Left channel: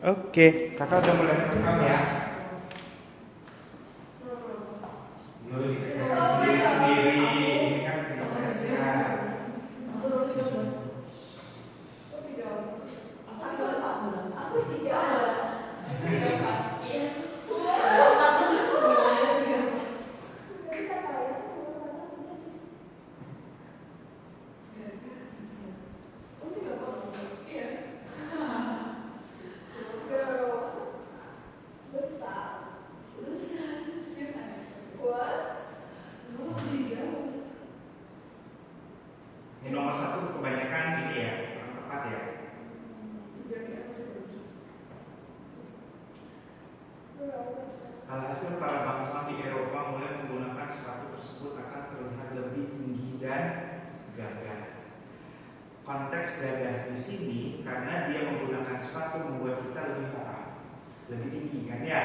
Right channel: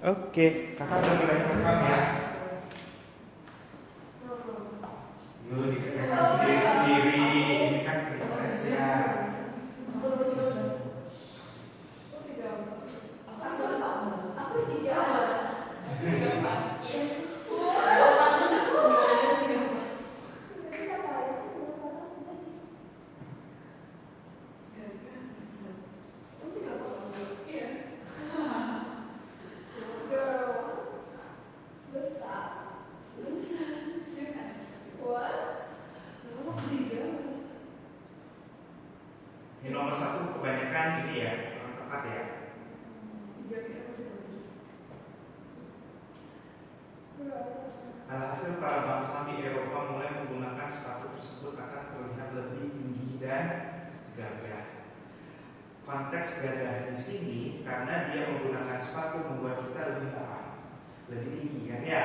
Oke, kakak udah mulai rekam ya. Yuk, dikerjakan sendiri-sendiri. Ini kan tesnya. Aku tidak ada. Yang nomor satu kebanyakan ini ya, kurang tepat ya. Alhasil para bangsa di Eropa mulai menggunakan sepatu tersebut akan terlihat lebih tinggi dan gagah. Konteks gagah di sini karena dia menggunakan sepatu membuat kita lebih apa? Lebih tinggi kan ya.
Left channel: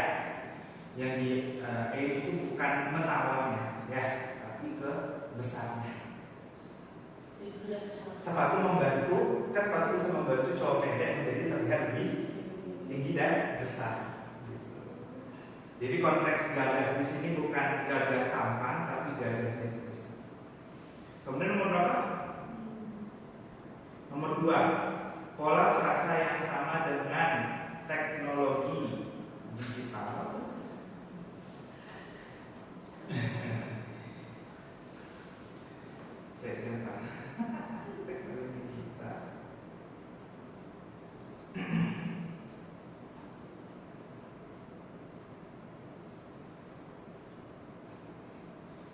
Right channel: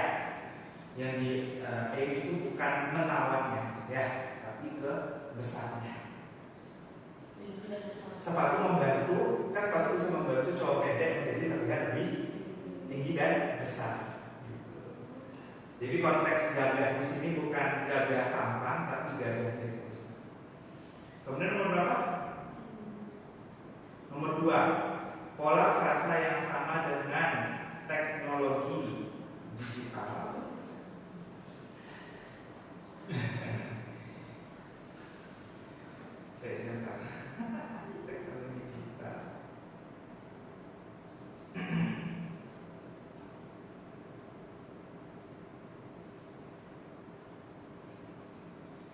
Yang di E itu bukan menawannya ya, tapi ke besarnya. Sepatu membantu, kan sepatu bisa membantu cowok pendek menjadi terlihat lebih tinggi dan besar. Jadi konteks gagah di sini bukan gagah tampan, tapi gagahnya itu besar. Kemudian nomor berapa? Nomor 2, pola frasa yang sama dengan teknologi digital. Saya silakan. Teknologi digital.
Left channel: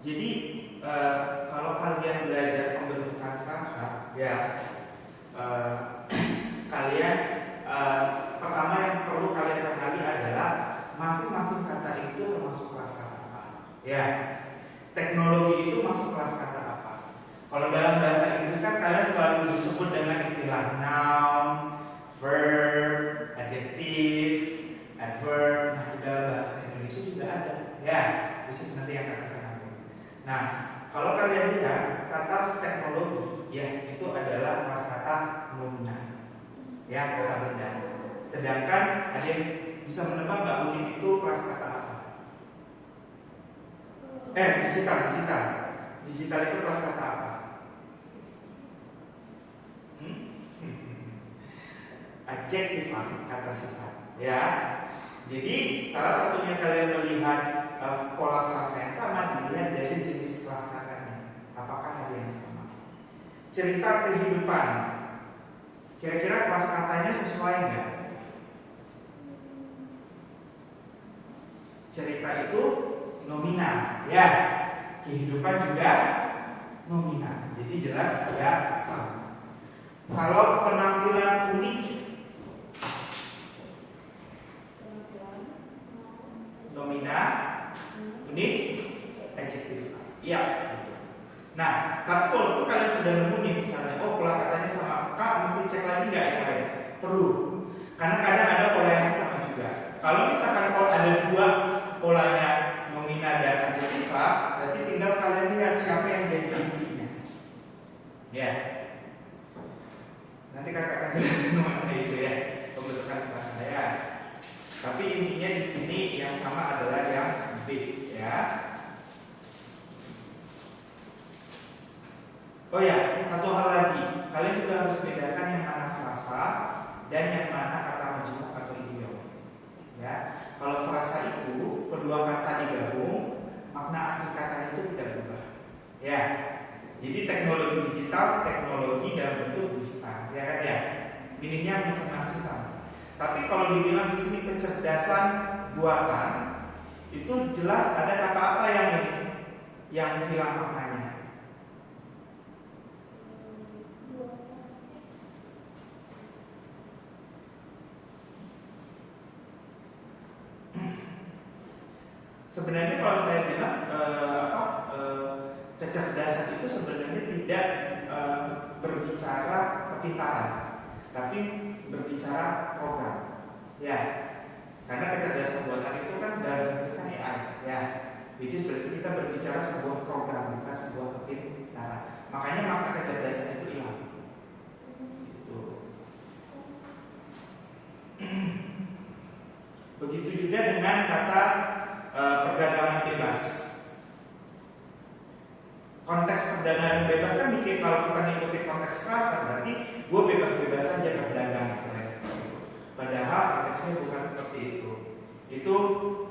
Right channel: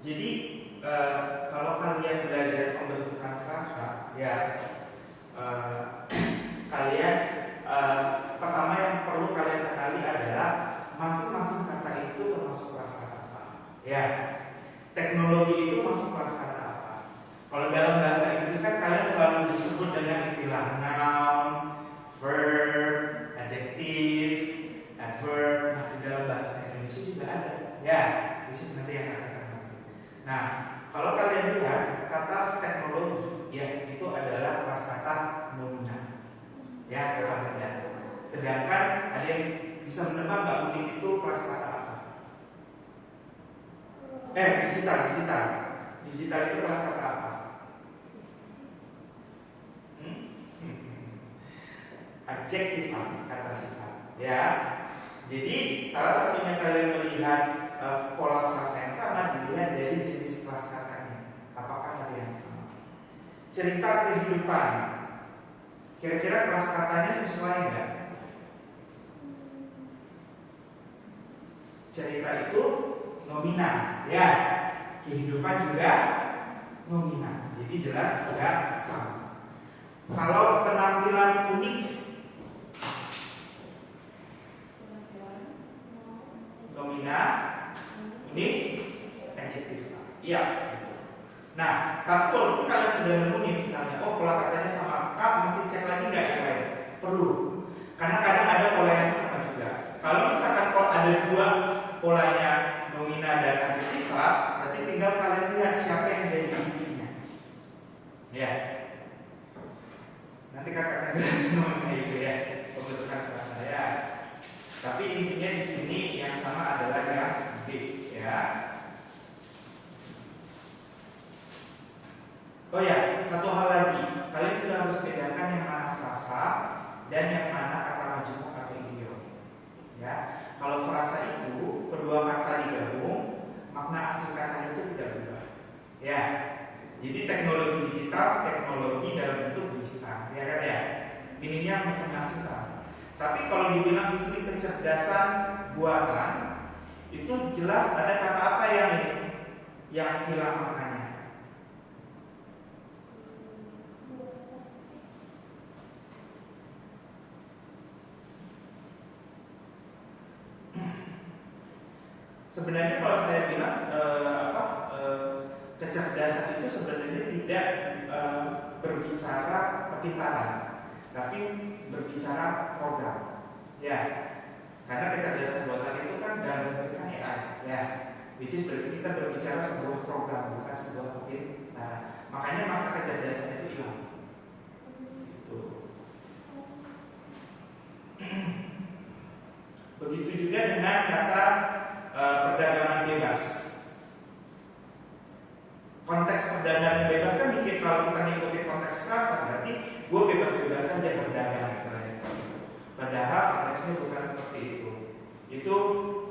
Jadi kalau kalian belajar pembentukan frasa, ya kalian pertama yang perlu kalian kenali adalah masing-masing kata itu termasuk kelas kata apa. Ya, teknologi itu masuk kelas kata apa. Kalau dalam bahasa Inggris kan kalian selalu disebut dengan istilah noun, verb, adjective, adverb. Nah, di dalam bahasa Indonesia juga ada, ya, which is nanti yang akan kenali. Nah, kalau kalian lihat kata teknologi, ya itu adalah kelas kata nominal, ya kata benda. Sedangkan ada yang bisa menebak nggak mungkin itu kelas kata apa? Digital itu kelas kata apa? Adjektif, kata sifat, ya. Jadi salah satunya kalian melihat pola frasa yang sama dilihat dari jenis kelas katanya. Apakah ada yang sama? Cerita kehidupan. Kira-kira kelas katanya sesuai nggak? Cerita itu nominal, ya. Kehidupan juga nominal. Jadi jelas nggak sama. Kalau penampilan unik, nominal, unik, adjektif. Iya, betul. Nah, kalau kalian sudah nemu nih misalnya, oh pola katanya sama, kak mesti cek lagi nggak yang lain? Perlu, karena kadang ada pola yang sama juga. Kalau misalkan kalau ada dua polanya nominal dan adjektif, berarti tinggal kalian lihat siapa yang jadi intinya. Ya, nanti kakak akan jelaskan semuanya itu ya, pembentukan frasa ya. Tapi intinya di sini yang sama adalah yang B, ya. Oh ya, satu hal lagi, kalian juga harus bedakan yang mana frasa dan yang mana kata majemuk atau idiom. Ya, kalau frasa itu kedua kata digabung, makna asli katanya itu tidak berubah. Ya, jadi teknologi digital, teknologi dalam bentuk digital, ya kan ya. Meaningnya masing-masing sama. Tapi kalau dibilang di sini kecerdasan buatan, itu jelas ada kata apa yang ini yang hilang maknanya. Sebenarnya kalau saya bilang kecerdasan itu sebenarnya tidak berbicara kepintaran, tapi berbicara program, ya. Karena kecerdasan buatan itu kan dalam bahasa Inggris kan AI, ya. Which is berarti kita berbicara sebuah program, bukan sebuah kepintaran. Makanya makna kecerdasan itu hilang. Gitu. dengan kata perdagangan bebas. Konteks perdagangan bebas kan mikir kalau kita ngikuti konteks pasar berarti gue bebas-bebas aja berdagang istilahnya seperti itu. Padahal konteksnya bukan seperti itu. Itu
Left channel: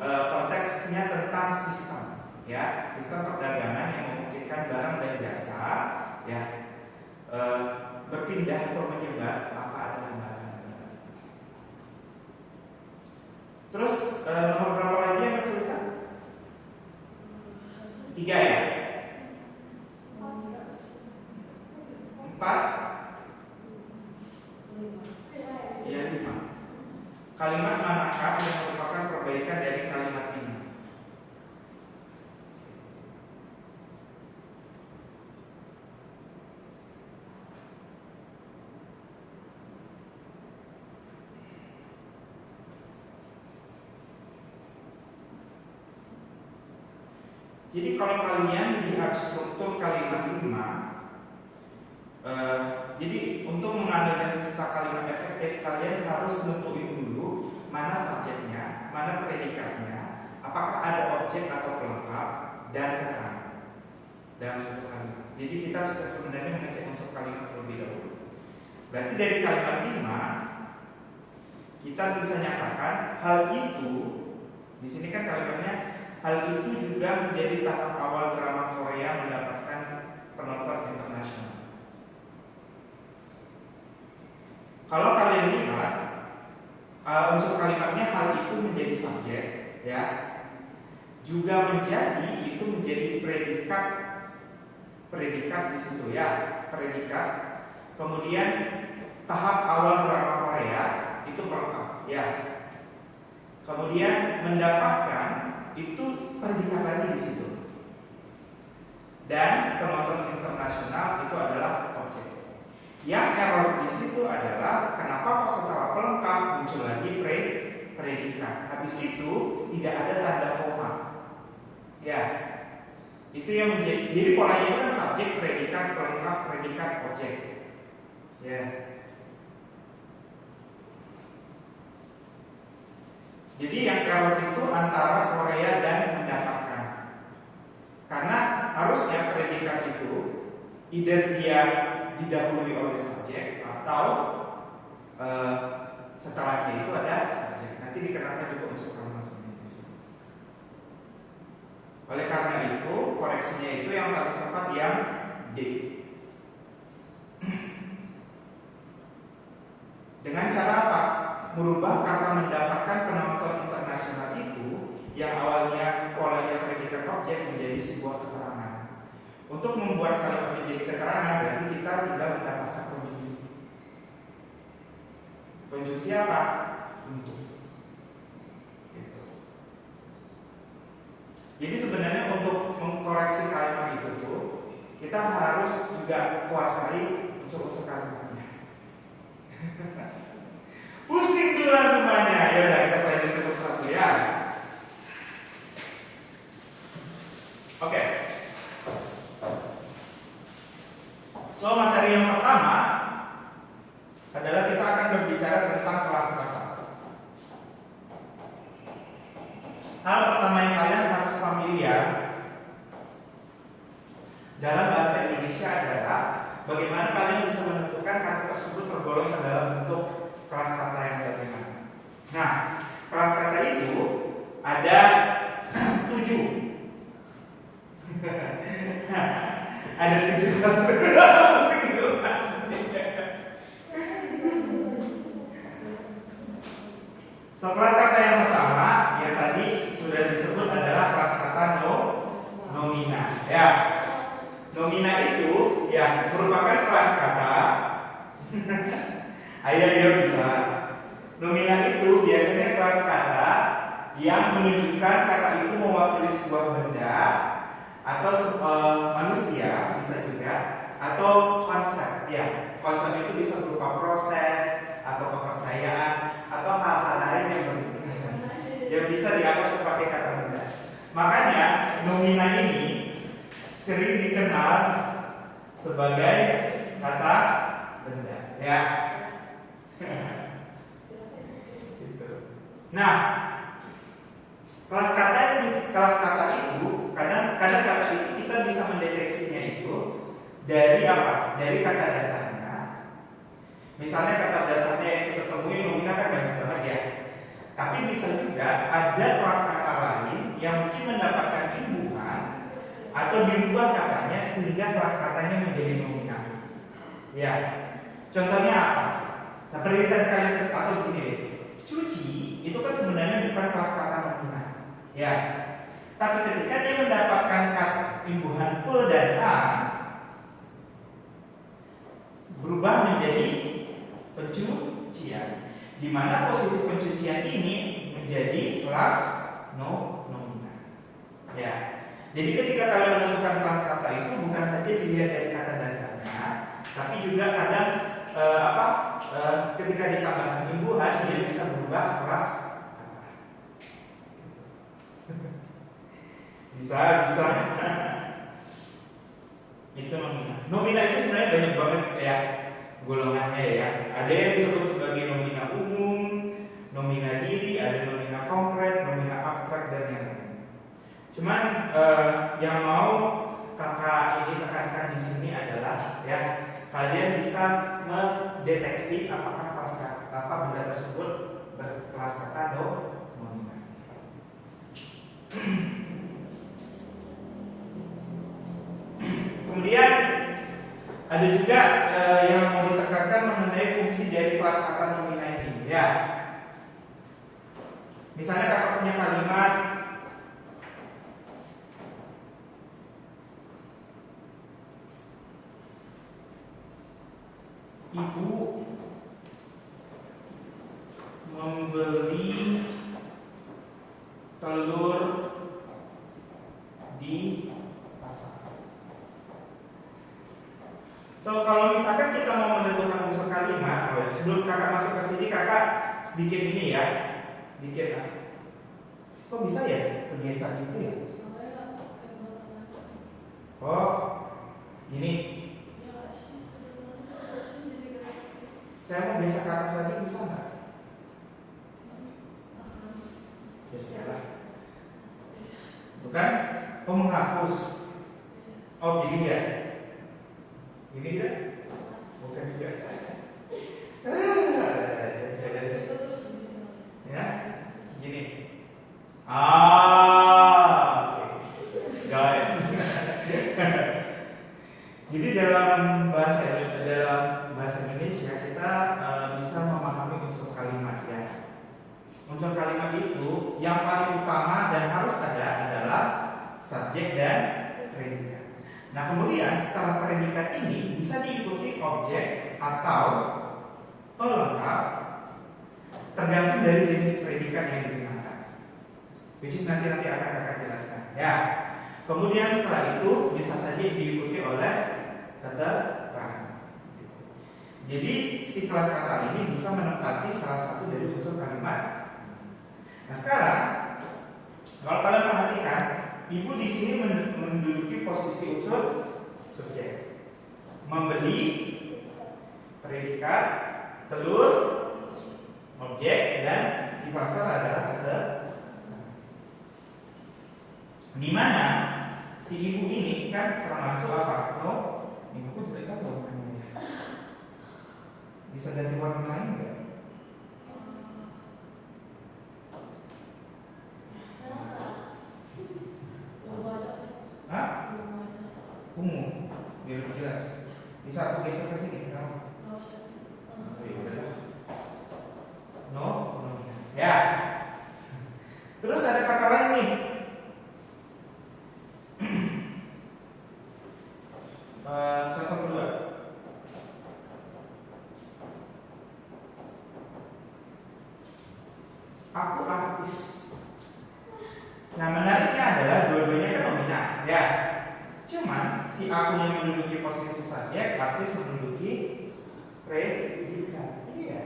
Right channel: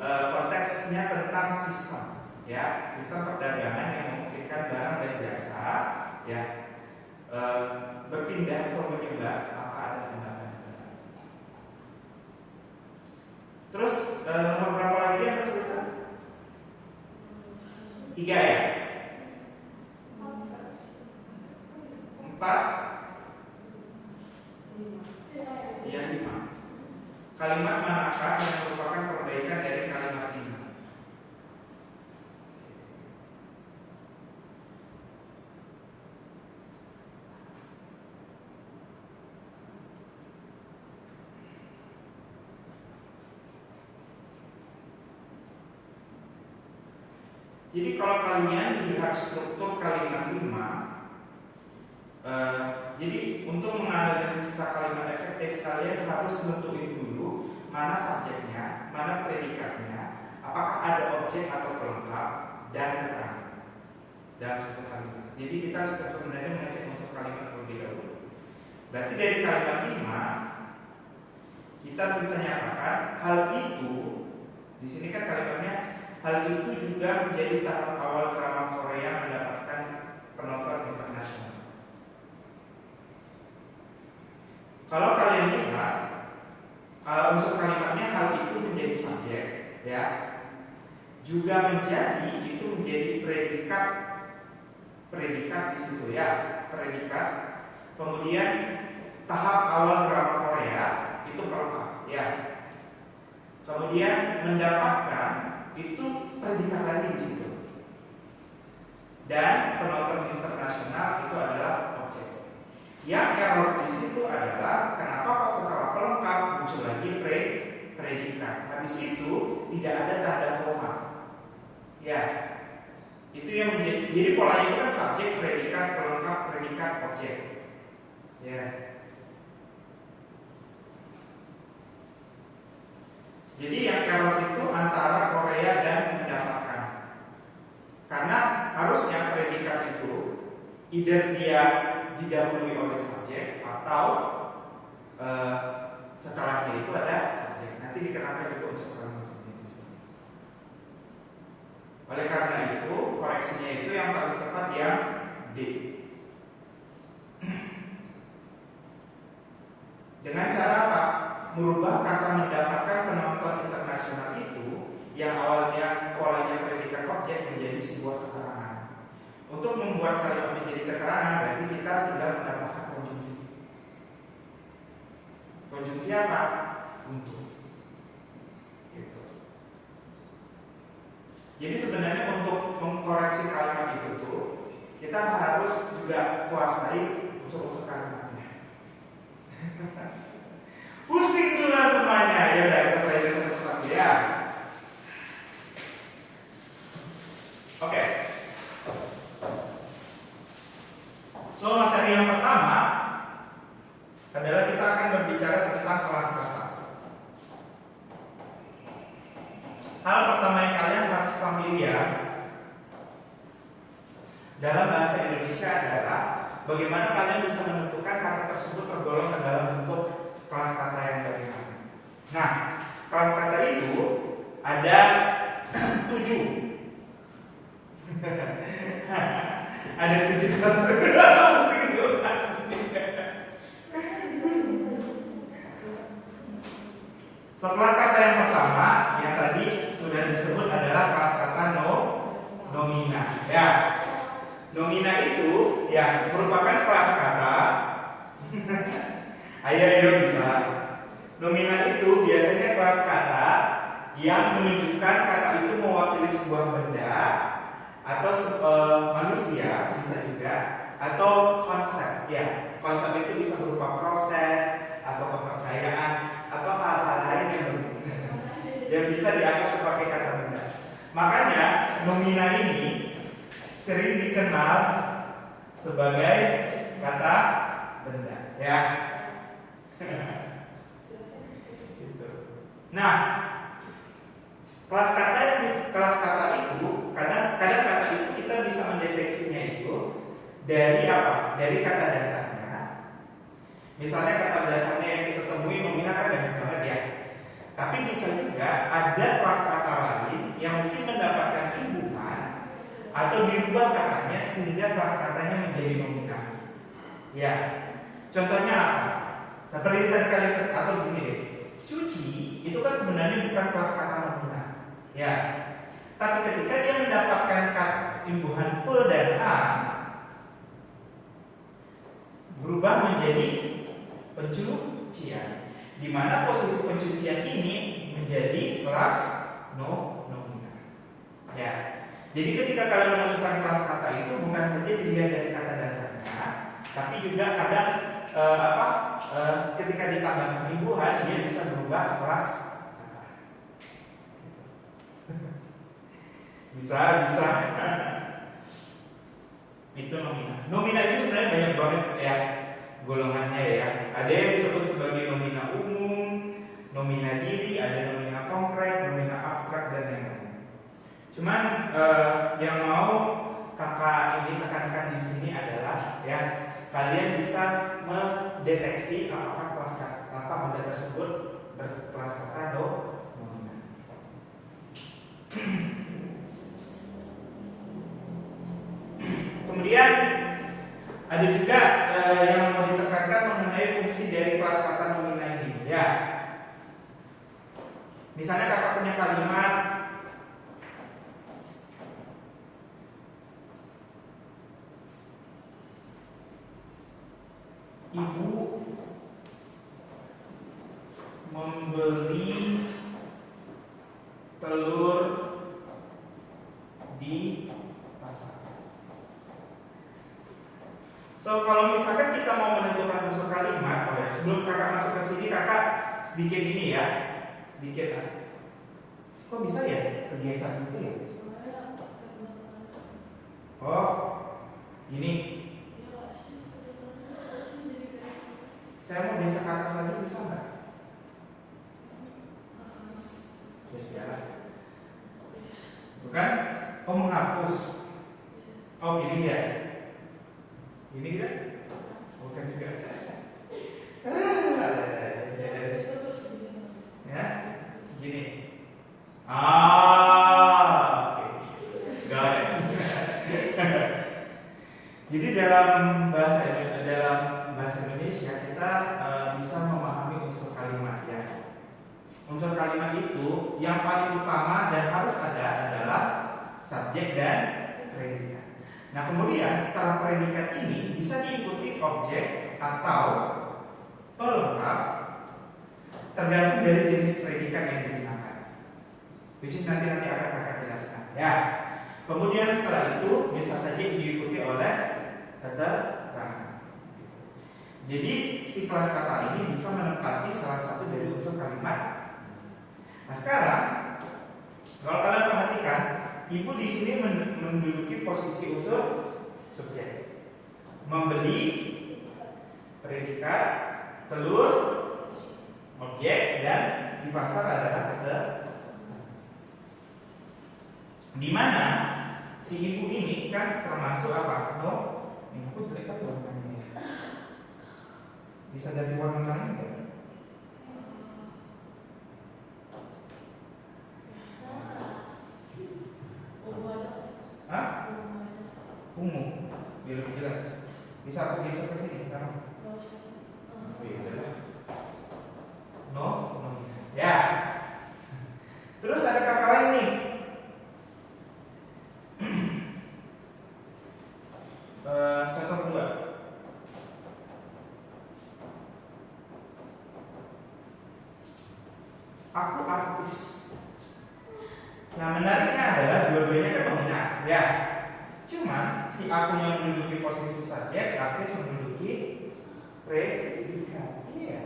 konteksnya tentang sistem, ya, sistem perdagangan yang memungkinkan barang dan jasa, ya, berpindah atau menyebar tanpa ada hambatan. Terus nomor berapa lagi yang kesulitan? 3 ya? 4? Ya 5. Kalimat manakah yang merupakan perbaikan dari kalimat 5? Jadi kalau kalian lihat struktur kalimat 5, jadi untuk menganalisa kalimat efektif kalian harus nentuin dulu mana subjeknya, mana predikatnya, apakah ada objek atau pelengkap dan keterangan dalam suatu kalimat. Jadi kita sebenarnya mengecek unsur kalimat terlebih dahulu. Berarti dari kalimat 5 kita bisa nyatakan hal itu, di sini kan kalimatnya hal itu juga menjadi tahap awal drama Korea mendapatkan penonton internasional. Kalau kalian lihat unsur kalimatnya hal itu menjadi subjek, ya, juga menjadi itu menjadi predikat di situ, ya, predikat. Kemudian tahap awal drama Korea itu pelengkap, ya. Kemudian mendapatkan itu predikat lagi di situ. Dan penonton internasional itu adalah objek. Yang error di situ adalah kenapa kok setelah pelengkap muncul lagi predikat. Habis itu tidak ada tanda koma. Ya, itu yang menjadi. Jadi polanya itu kan subjek, predikat, pelengkap, predikat, objek. Ya. Jadi yang error itu antara Korea dan mendapatkan. Karena harusnya predikat itu either dia didahului oleh subjek atau setelahnya itu ada subjek. Nanti dikenakan juga unsur kalimat sebenarnya. Oleh karena itu koreksinya itu yang paling tepat yang D. Dengan cara apa? Merubah kata mendapatkan penonton internasional itu yang awalnya polanya predikat objek menjadi sebuah keterangan. Untuk membuat kalimat menjadi keterangan berarti kita tinggal mendapatkan konjungsi. Konjungsi apa? Untuk. Gitu. Jadi sebenarnya untuk mengkoreksi kalimat itu tuh kita harus juga kuasai unsur-unsur kalimatnya. Pusing dulu semuanya. Ya udah kita pelajari satu-satu ya. Oke. So materi yang pertama adalah kita akan berbicara tentang kelas kata. Hal pertama yang kalian harus familiar dalam bahasa Indonesia adalah bagaimana kalian bisa menentukan kata tersebut tergolong ke dalam bentuk kelas kata yang bagaimana. Nah, kelas kata itu ada 7. Ada 7 kelas. So, kelas kata yang pertama yang tadi sudah disebut adalah kelas kata nomina. Ya, nomina itu ya merupakan kelas kata. Ayo bisa. Nomina itu biasanya kelas kata yang menunjukkan kata itu mewakili sebuah benda atau manusia bisa juga atau konsep. Ya, konsep itu bisa berupa proses atau kepercayaan atau hal-hal lain yang bisa dianggap sebagai kata benda. Makanya nomina ini sering dikenal sebagai kata benda. Ya. Gitu. Nah, Kelas kata itu kadang kata itu kita bisa mendeteksinya itu dari apa? Dari kata dasarnya. Misalnya kata dasarnya yang kita temui nomina kan banyak banget ya. Tapi bisa juga ada kelas kata lain yang mungkin mendapatkan imbuhan atau diubah katanya sehingga kelas katanya menjadi nomina. Ya, contohnya apa? Seperti tadi kalian atau begini deh. Cuci itu kan sebenarnya bukan kelas kata nomina. Ya. Tapi ketika dia mendapatkan imbuhan pe dan a berubah menjadi pencucian, di mana posisi pencucian ini menjadi kelas nomina. Ya. Jadi ketika kalian menentukan kelas kata itu bukan saja dilihat dari kata dasarnya, tapi juga kadang ketika ditambah imbuhan dia bisa berubah kelas kata. bisa itu nomina. Nomina itu sebenarnya banyak banget ya golongannya ya. Ada yang disebut sebagai nomina umum, nomina diri, ada nomina konkret, nomina abstrak dan yang lain. Cuman yang mau kakak ini tekankan di sini adalah ya kalian bisa mendeteksi apakah kelas kata apa benda tersebut berkelas kata nomina. Kemudian ada juga yang mau ditekankan mengenai fungsi dari kelas kata nomina ini. Ya, misalnya kakak punya kalimat ibu membeli telur di pasar. So kalau misalkan kita mau menentukan unsur kalimat, sebelum kakak masuk ke sini kakak sedikit ini ya, sedikit. Kok bisa ya kebiasaan itu ya? Oh, ini. Saya mau geser ke atas lagi bisa nggak? Ya sudah. Bukan? Oh menghapus. Oh ini ya. Ini kan? Bukan juga. Ya, gini. Oke. Got it. Jadi dalam bahasa Indonesia kita bisa memahami unsur kalimat ya. Unsur kalimat itu yang paling utama dan harus ada adalah subjek dan predikat. Nah kemudian setelah predikat ini bisa diikuti objek atau pelengkap tergantung dari jenis predikat yang digunakan. Which is nanti akan kakak jelaskan ya. Kemudian setelah itu bisa saja diikuti oleh keterangan. Jadi si kelas kata ini bisa menempati salah satu dari unsur kalimat. Nah sekarang kalau kalian perhatikan, ibu di sini menduduki posisi unsur subjek. Membeli predikat, telur objek, dan di pasar adalah keterangan. Di mana si ibu ini kan termasuk apa? Ini aku jelek kan warnanya ya. Bisa ganti warna lain nggak? Hah? Ungu, biar lebih jelas. Bisa aku geser ke sini sekarang? Oh ya udah. No. Ya. Terus ada kata lain nih. Contoh kedua. Aku artis. Nah menariknya adalah dua-duanya kan nomina, ya. Cuman si akunya menduduki posisi subjek, artis menduduki predikat. Iya.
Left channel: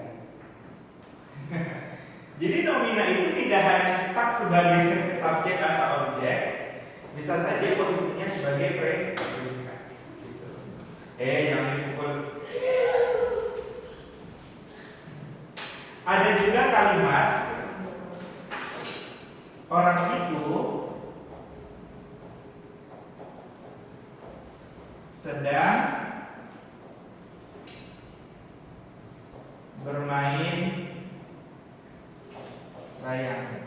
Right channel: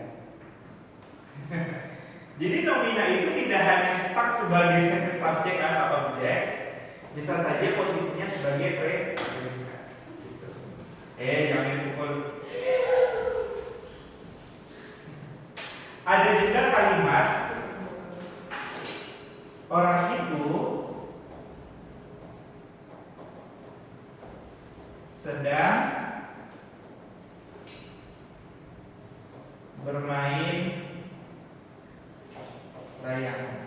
Jadi nomina itu tidak hanya stuck sebagai subjek atau objek, bisa saja posisinya sebagai predikat. Gitu. Jangan dipukul. Ada juga kalimat orang itu sedang bermain layangan.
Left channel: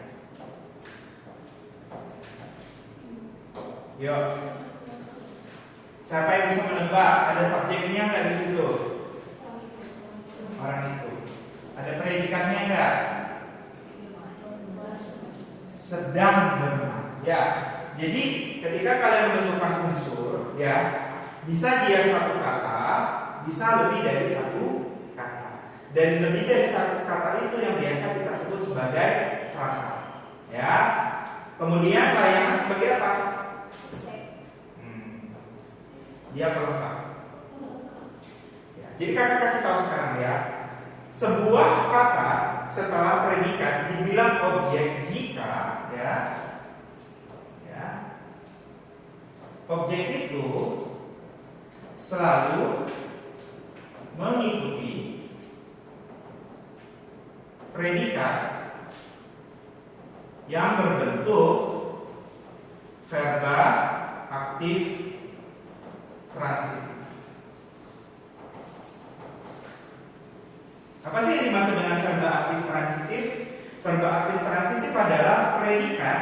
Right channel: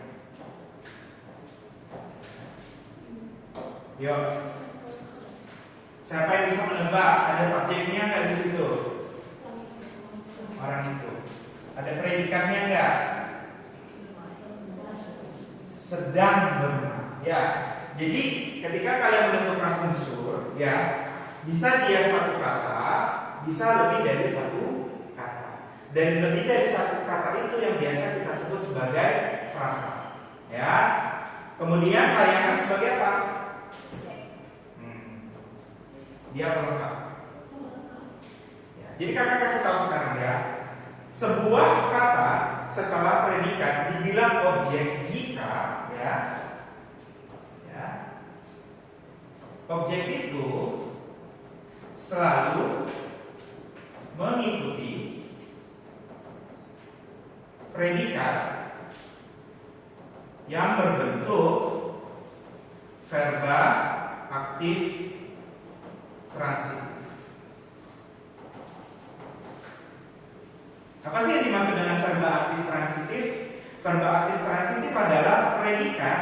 Yuk, siapa yang bisa menebak? Ada subjeknya nggak di situ? Orang itu. Ada predikannya nggak? Sedang bermain. Ya. Jadi ketika kalian menentukan unsur, ya, bisa dia satu kata, bisa lebih dari satu kata. Dan lebih dari satu kata itu yang biasa kita sebut sebagai frasa. Ya. Kemudian layangan sebagai apa? Dia pelengkap. Ya, jadi kakak kasih tahu sekarang ya, sebuah kata setelah predikat dibilang objek jika objek itu selalu mengikuti predikat yang berbentuk verba aktif transitif. Apa sih yang dimaksud dengan verba aktif transitif? Verba aktif transitif adalah predikat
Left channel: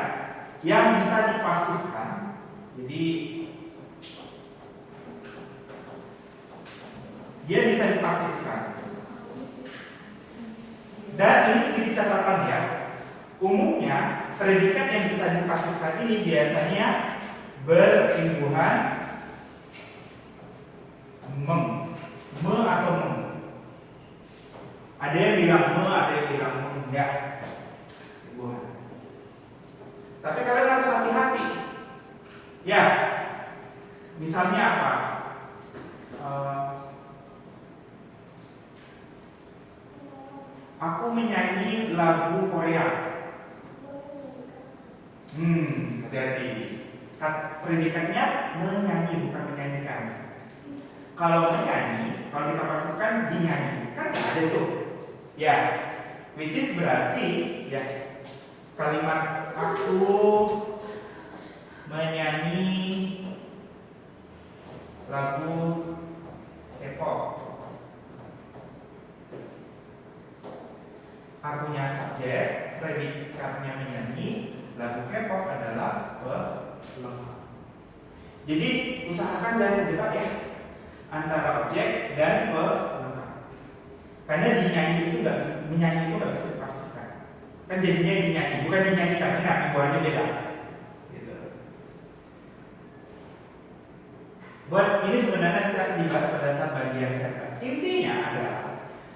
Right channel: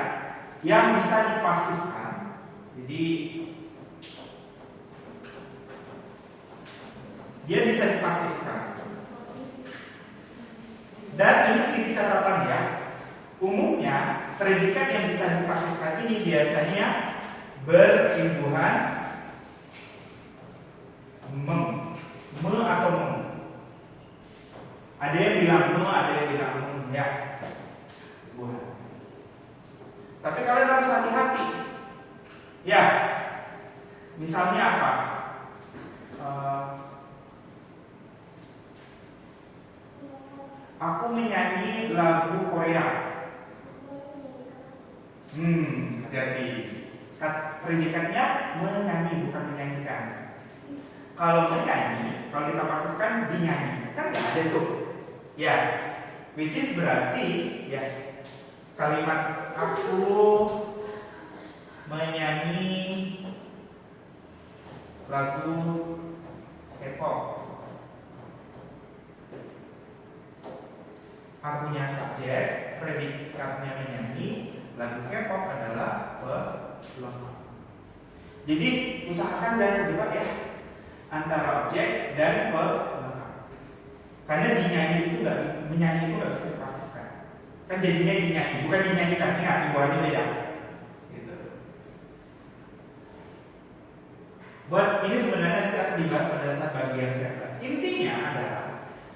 yang bisa dipasifkan. Jadi dia bisa dipasifkan. Dan ini sedikit catatan ya. Umumnya predikat yang bisa dipasifkan ini biasanya berimbuhan me atau mem. Ada yang bilang me, ada yang bilang mem, ya. Tapi kalian harus hati-hati. Ya, misalnya apa? Aku menyanyi lagu Korea. Hati-hati. Predikatnya menyanyi, bukan menyanyikan. Kalau menyanyi, kalau kita pasifkan dinyanyi, kan nggak ada tuh. Ya, which is berarti ya kalimat aku menyanyi lagu K-pop. Akunya subjek, predikatnya menyanyi, lagu K-pop adalah pelengkap. Jadi usahakan jangan terjebak ya antara objek dan pelengkap. Karena dinyanyi itu menyanyi itu nggak bisa dipastikan. Kan jadinya dinyanyi, bukan dinyanyikan. Ingat, himbuannya beda. Gitu. Buat ini sebenarnya kita dibahas pada saat bagian verba. Intinya adalah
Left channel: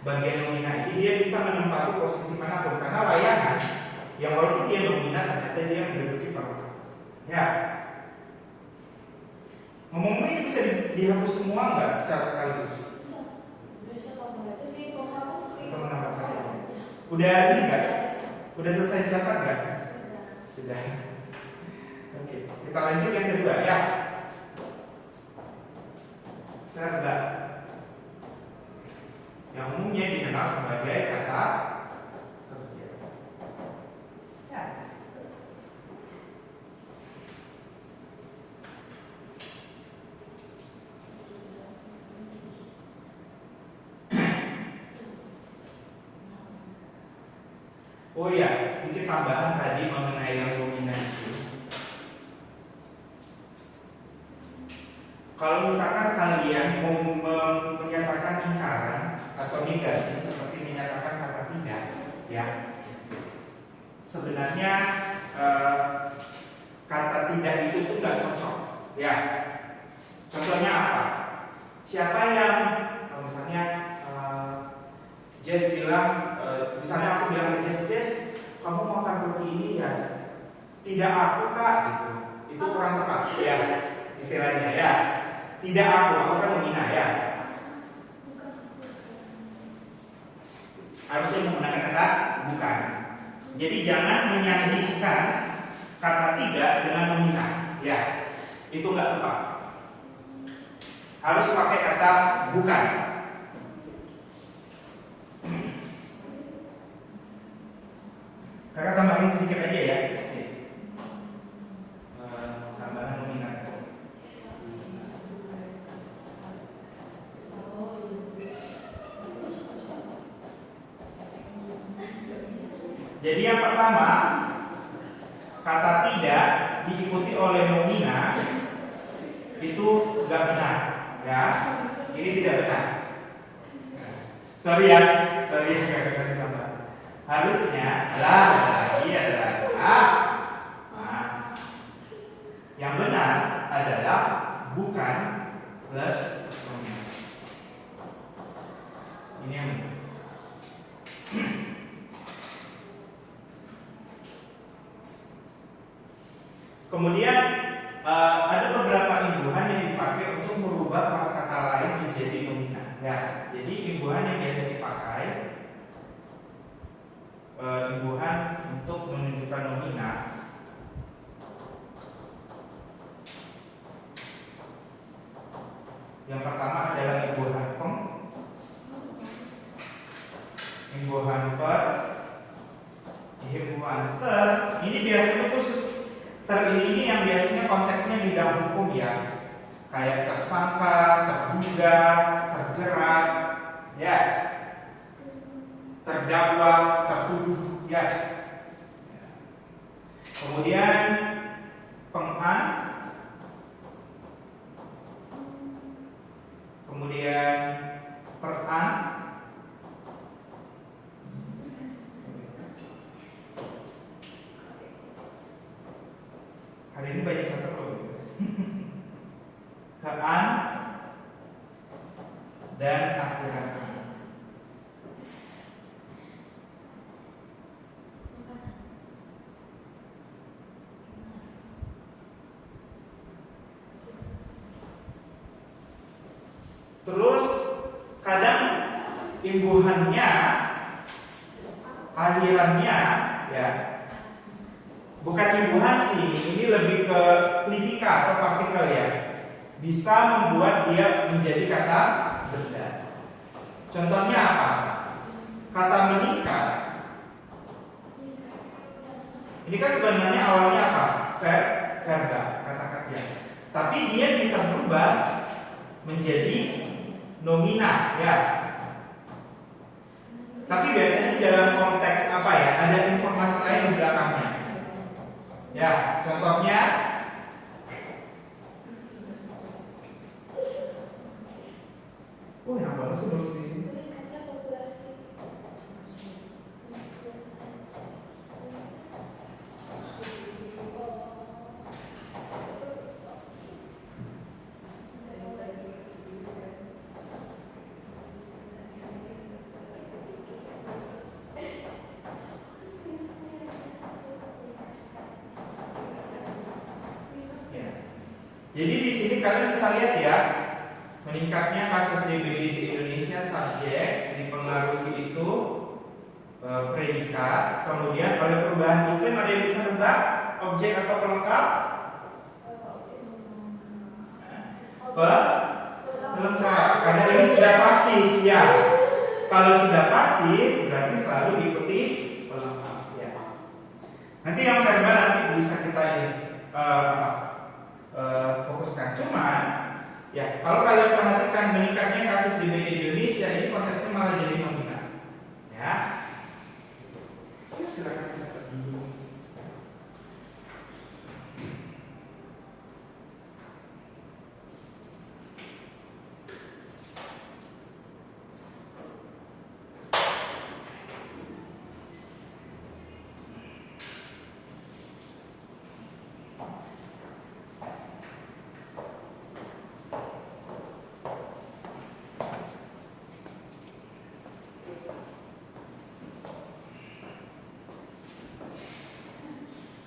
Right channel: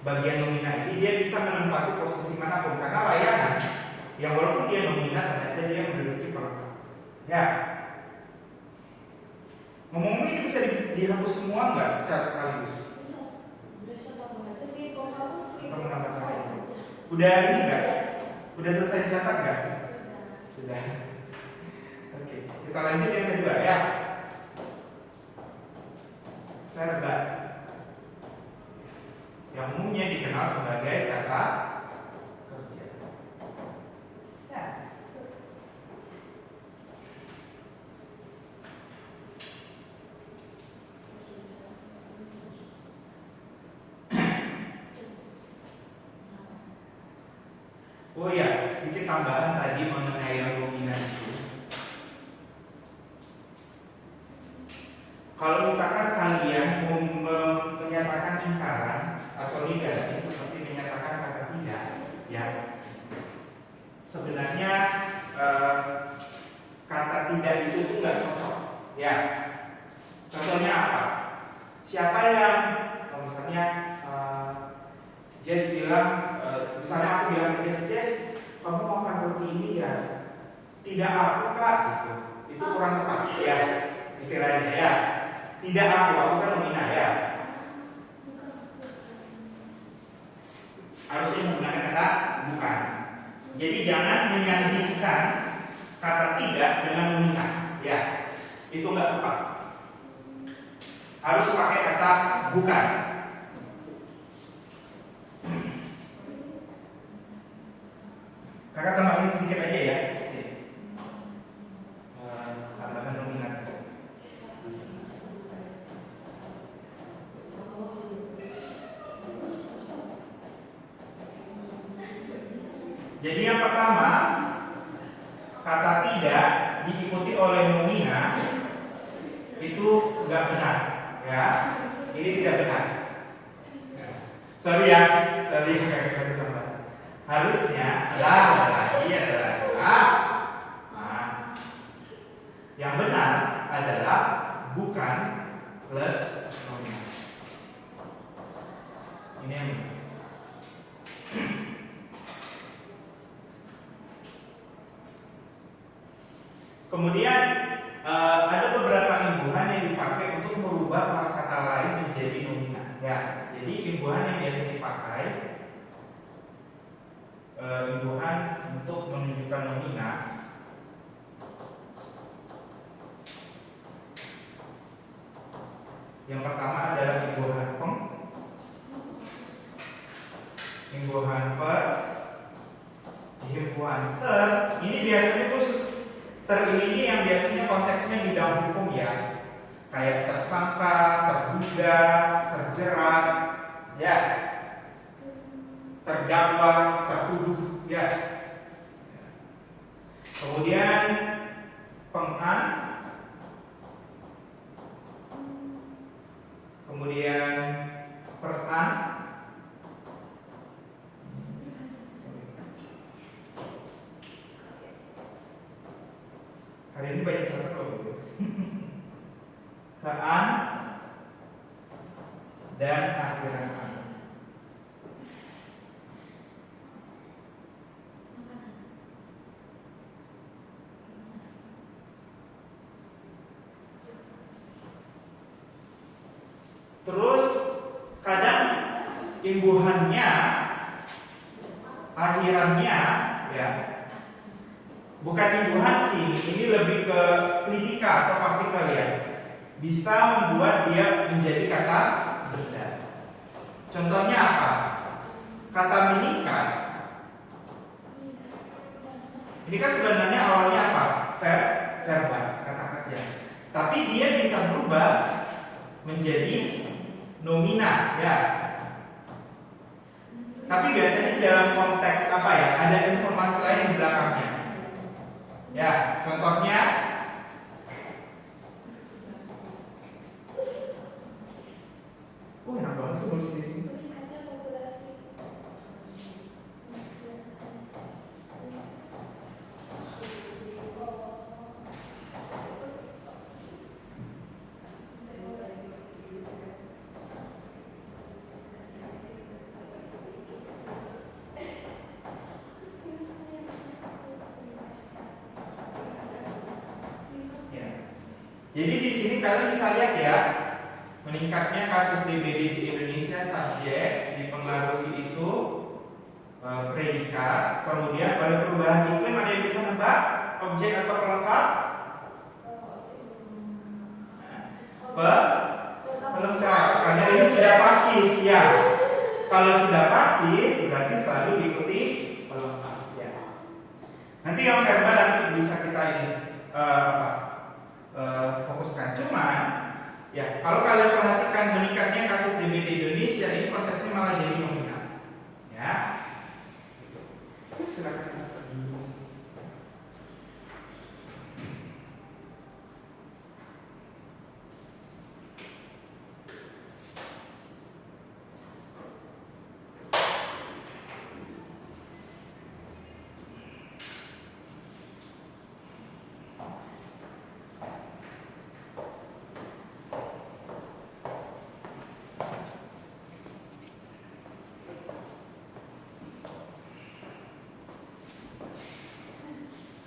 bagian nomina ini dia bisa menempati posisi manapun karena layangan yang walaupun dia nomina ternyata dia menduduki pelengkap. Ya. Ngomong-ngomong ini bisa dihapus semua nggak secara sekaligus? Bisa tambah itu sih penghapus sih. Atau menambahkan aja? Udah ini nggak? Udah selesai catat nggak? Sudah. Oke, kita lanjut yang kedua ya. Verba yang umumnya dikenal sebagai kata kerja. Ya. Oh ya, sedikit tambahan tadi mengenai yang dominan itu. Kalau misalkan kalian mau menyatakan ingkaran atau negasi seperti menyatakan kata tidak, ya sebenarnya kata tidak itu pun nggak cocok, ya. Contohnya apa? Siapa yang misalnya Jess bilang, misalnya aku bilang ke Jess, kamu makan roti ini ya? Tidak aku kak, gitu. Itu kurang tepat, ya istilahnya ya. Tidak aku kan nomina ya. Harusnya menggunakan kata bukan. Jadi jangan menyandingkan kata tidak dengan nomina, ya. Itu nggak tepat. Harus pakai kata bukan. Kakak tambahin sedikit aja ya. Jadi yang pertama, kata tidak diikuti oleh nomina itu enggak benar, ya. Ini tidak benar. Sorry ya, harusnya ada lagi. Yang benar adalah bukan plus nomina. Ini yang benar. Kemudian ada beberapa imbuhan yang dipakai untuk merubah prasakata lain menjadi nomina. Ya, jadi imbuhan yang biasa dipakai, imbuhan untuk menunjukkan nomina. Yang pertama adalah imbuhan peng, imbuhan per, imbuhan ter. Ini biasanya khusus. Ter ini yang biasanya konteksnya bidang hukum ya, kayak tersangka, terduga, terjerat, ya, terdakwa, tertuduh, ya. Kemudian pengan, kemudian peran, hari ini banyak catat loh. Kean dan akhiran. Terus kadang imbuhannya, akhirannya, ya. Bukan imbuhan sih, ini lebih ke kritika atau partikel ya. Bisa membuat dia menjadi kata benda. Contohnya apa? Kata menikah. Ini kan sebenarnya awalnya apa? Verba, kata kerja. Tapi dia bisa berubah menjadi nomina, ya. Tapi biasanya dalam konteks apa ya? Ada informasi lain di belakangnya. Ya, contohnya enak banget sih nulis di sini. Jadi di sini kalian bisa lihat ya, meningkatnya kasus DBD di Indonesia, subjek dipengaruhi itu predikat, kemudian oleh perubahan iklim. Ada yang bisa nebak objek atau pelengkap? Pelengkap, karena ini sudah pasif ya. Kalau sudah pasif berarti selalu diikuti pelengkap ya. Nanti yang verbal nanti bisa kita ini fokuskan. Cuman ya, kalau kalian perhatikan meningkatnya kasus DBD di Indonesia, ini konteksnya malah jadi nomina. Ya. Silakan catat dulu.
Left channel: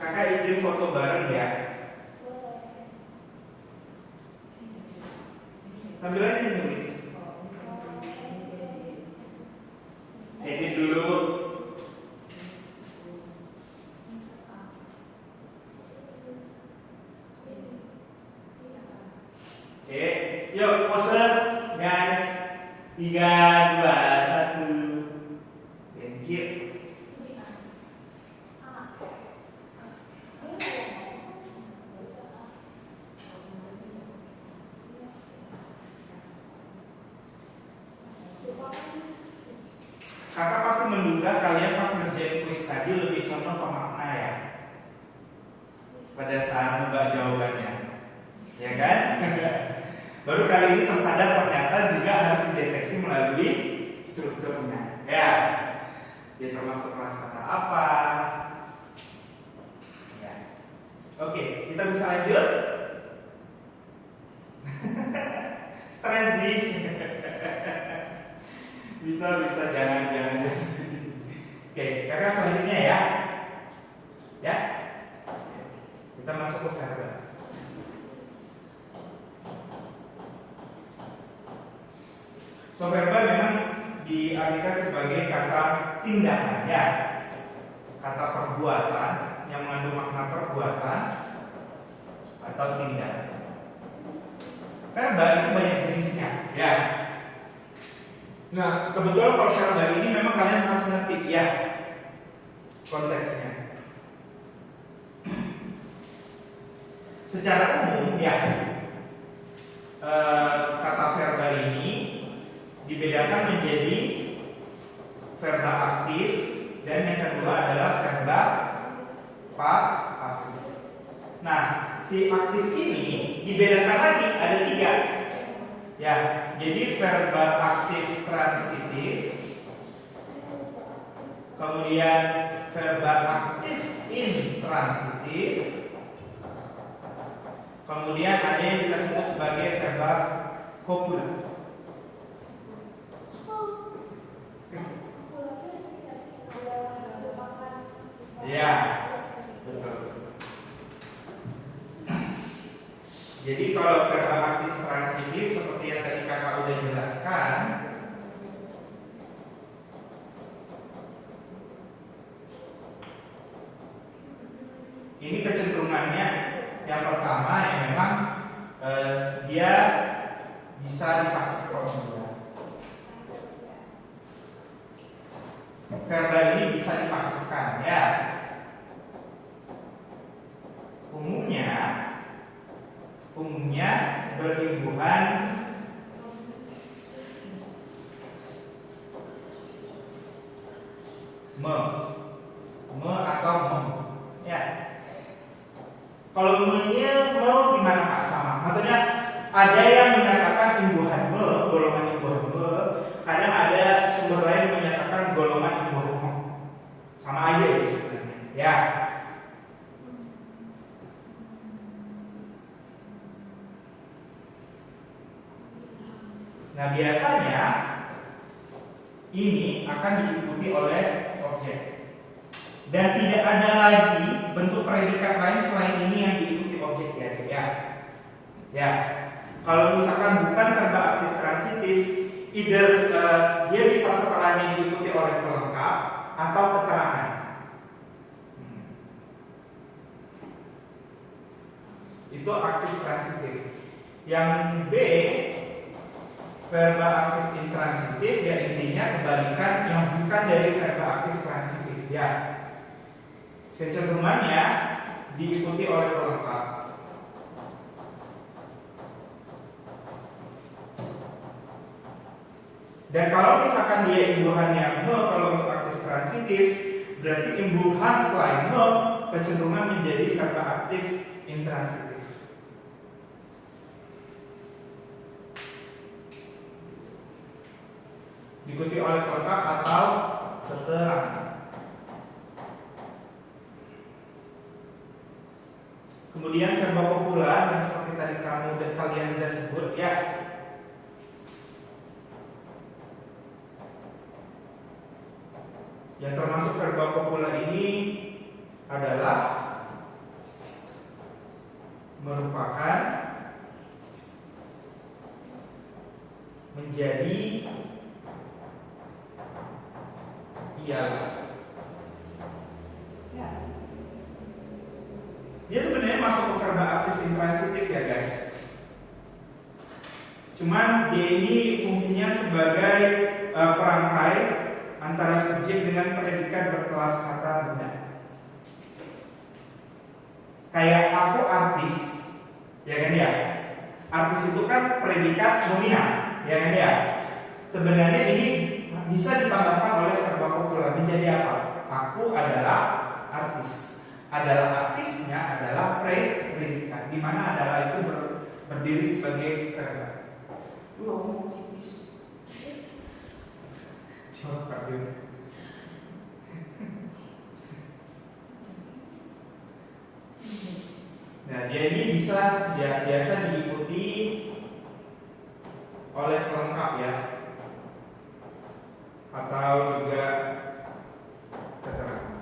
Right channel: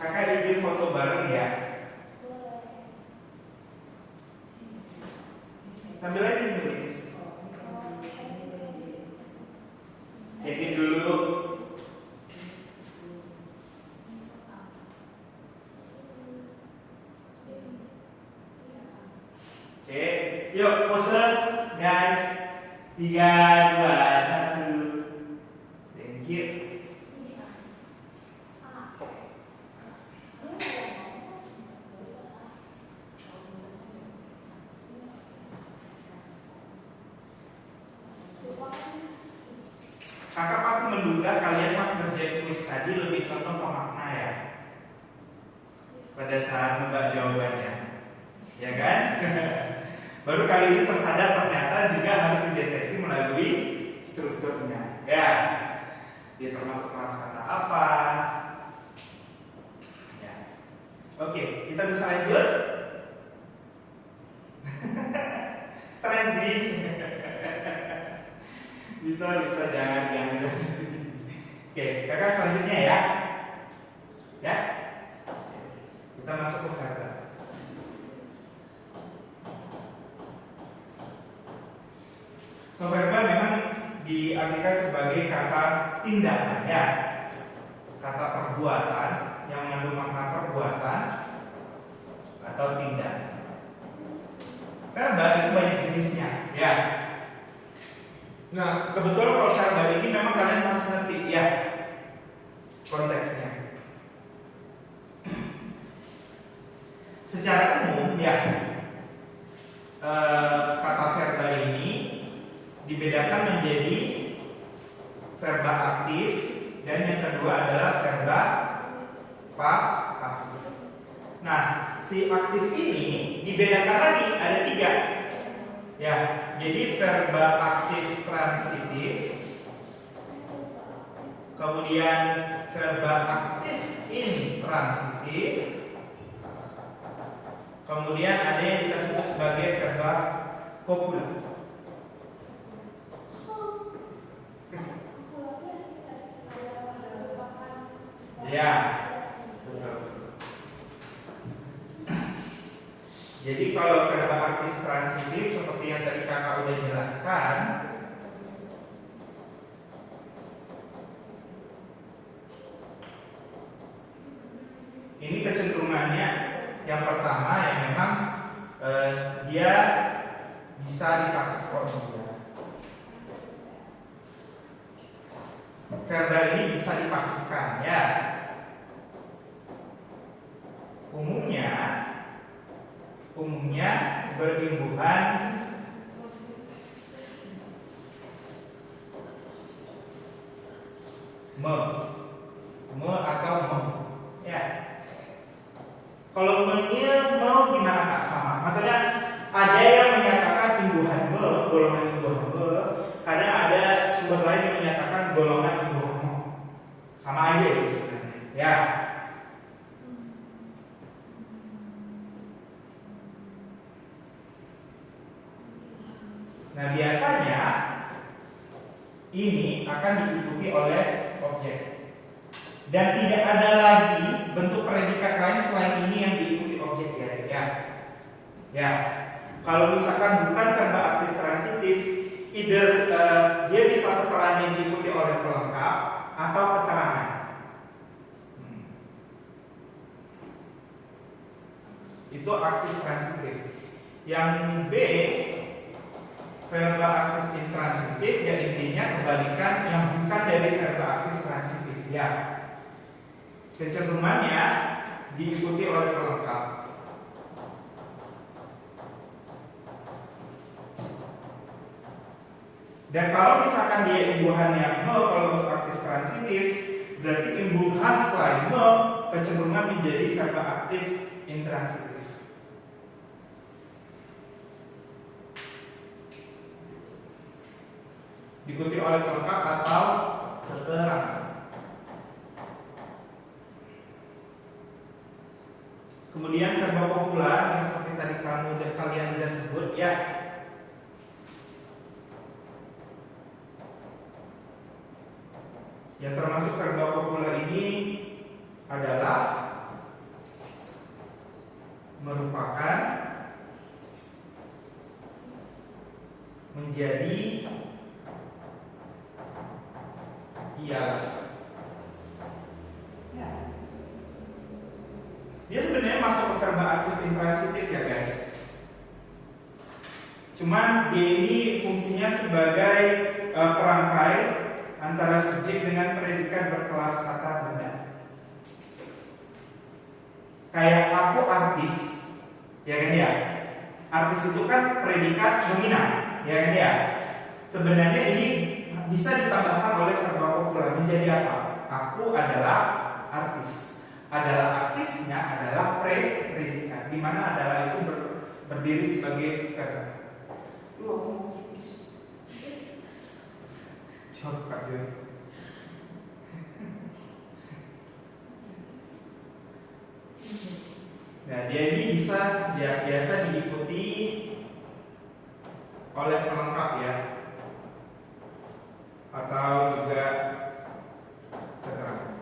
Kakak izin foto bareng ya. Sambil aja nulis. Jadi dulu. Oke, yuk pose guys. 3, 2, 1. Thank you. Kakak pasti menduga kalian pas ngerjain kuis tadi tadi lebih condong ke makna ya pada saat membahas jawabannya, ya kan? Baru kali ini tersadar ternyata juga harus dideteksi melalui strukturnya. Ya, dia termasuk kelas kata apa? Ya. Oke, kita bisa lanjut. Stres sih. bisa jangan. Oke, kakak selanjutnya ya. Ya. Kita masuk ke verba. So verba memang diartikan sebagai kata tindakan ya. Kata perbuatan yang mengandung makna perbuatan atau tindakan. Verba itu banyak jenisnya ya. Nah, kebetulan kalau verba ini memang kalian harus ngerti ya konteksnya. Secara umum ya, kata verba ini dibedakan menjadi verba aktif dan yang kedua adalah verba pasif. Nah, si aktif ini dibedakan lagi ada 3. Ya, jadi verba aktif transitif, kemudian verba aktif intransitif, kemudian ada yang kita sebut sebagai verba copula. Ya, betul. Jadi kalau verba aktif transitif seperti yang tadi kakak udah jelaskan, ini kecenderungannya yang pertama yang memang dia bisa dipasifkan. Verba ini bisa dipasifkan ya. Umumnya berimbuhan me atau mem ya. Kalau me-nya gimana Kak? Sama. Maksudnya ada yang menyatakan imbuhan me, golongan imbuhan me, kadang ada sumber lain yang menyatakan golongan imbuhan me. Sama aja ya sebenarnya. Ya. Nah, biasanya ini akan diikuti oleh objek. Dan tidak ada lagi bentuk predikat lain selain ini yang diikuti objek ya. Ya. Kalau misalkan bukan verba aktif transitif, either dia bisa setelahnya diikuti oleh pelengkap atau keterangan. Itu aktif transitif. Yang B, verba aktif intransitif, ya intinya kebalikan yang bukan dari verba aktif transitif ya. Kecenderungannya diikuti oleh pelengkap. Dan kalau misalkan dia imbuhannya me, kalau untuk aktif transitif, berarti imbuhan selain me kecenderungan menjadi verba aktif intransitif. Diikuti oleh pelengkap atau keterangan. Kemudian verba copula yang seperti tadi kalian sudah sebut ya. Yang termasuk verba copula ini adalah merupakan menjadi ialah. Dia sebenarnya masuk ke verba aktif intransitif ya guys. Cuman dia ini fungsinya sebagai perangkai antara subjek dengan predikat berkelas kata benda. Kayak aku artis, ya kan ya. Artis itu kan predikat dominan, ya kan ya. Sebenarnya ini bisa ditambahkan oleh verba copula menjadi apa? Aku adalah artis. Adalah artisnya adalah predikat, di mana adalah itu berdiri sebagai verb. Jawab Kak Dewi. Nah, dia ini biasa diikuti oleh pelengkap ya, atau juga keterangan.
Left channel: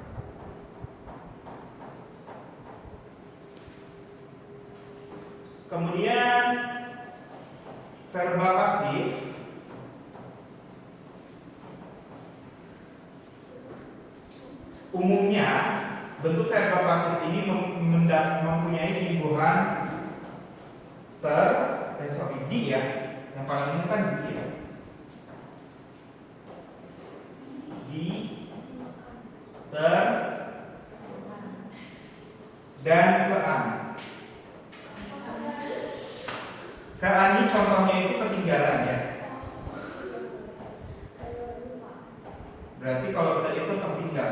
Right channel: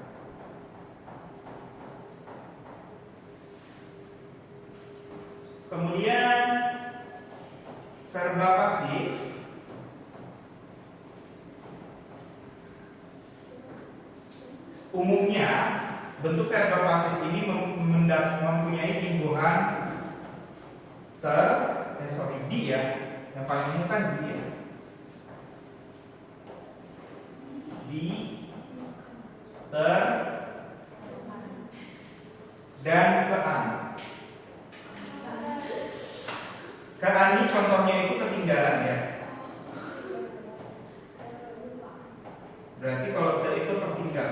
Kemudian verba pasif umumnya bentuk verba pasif ini mempunyai timbuhan di ya, yang paling umum kan di ya, di, ter, dan kean. Kean ini contohnya itu ketinggalan ya. Berarti kalau kita itu tertinggal.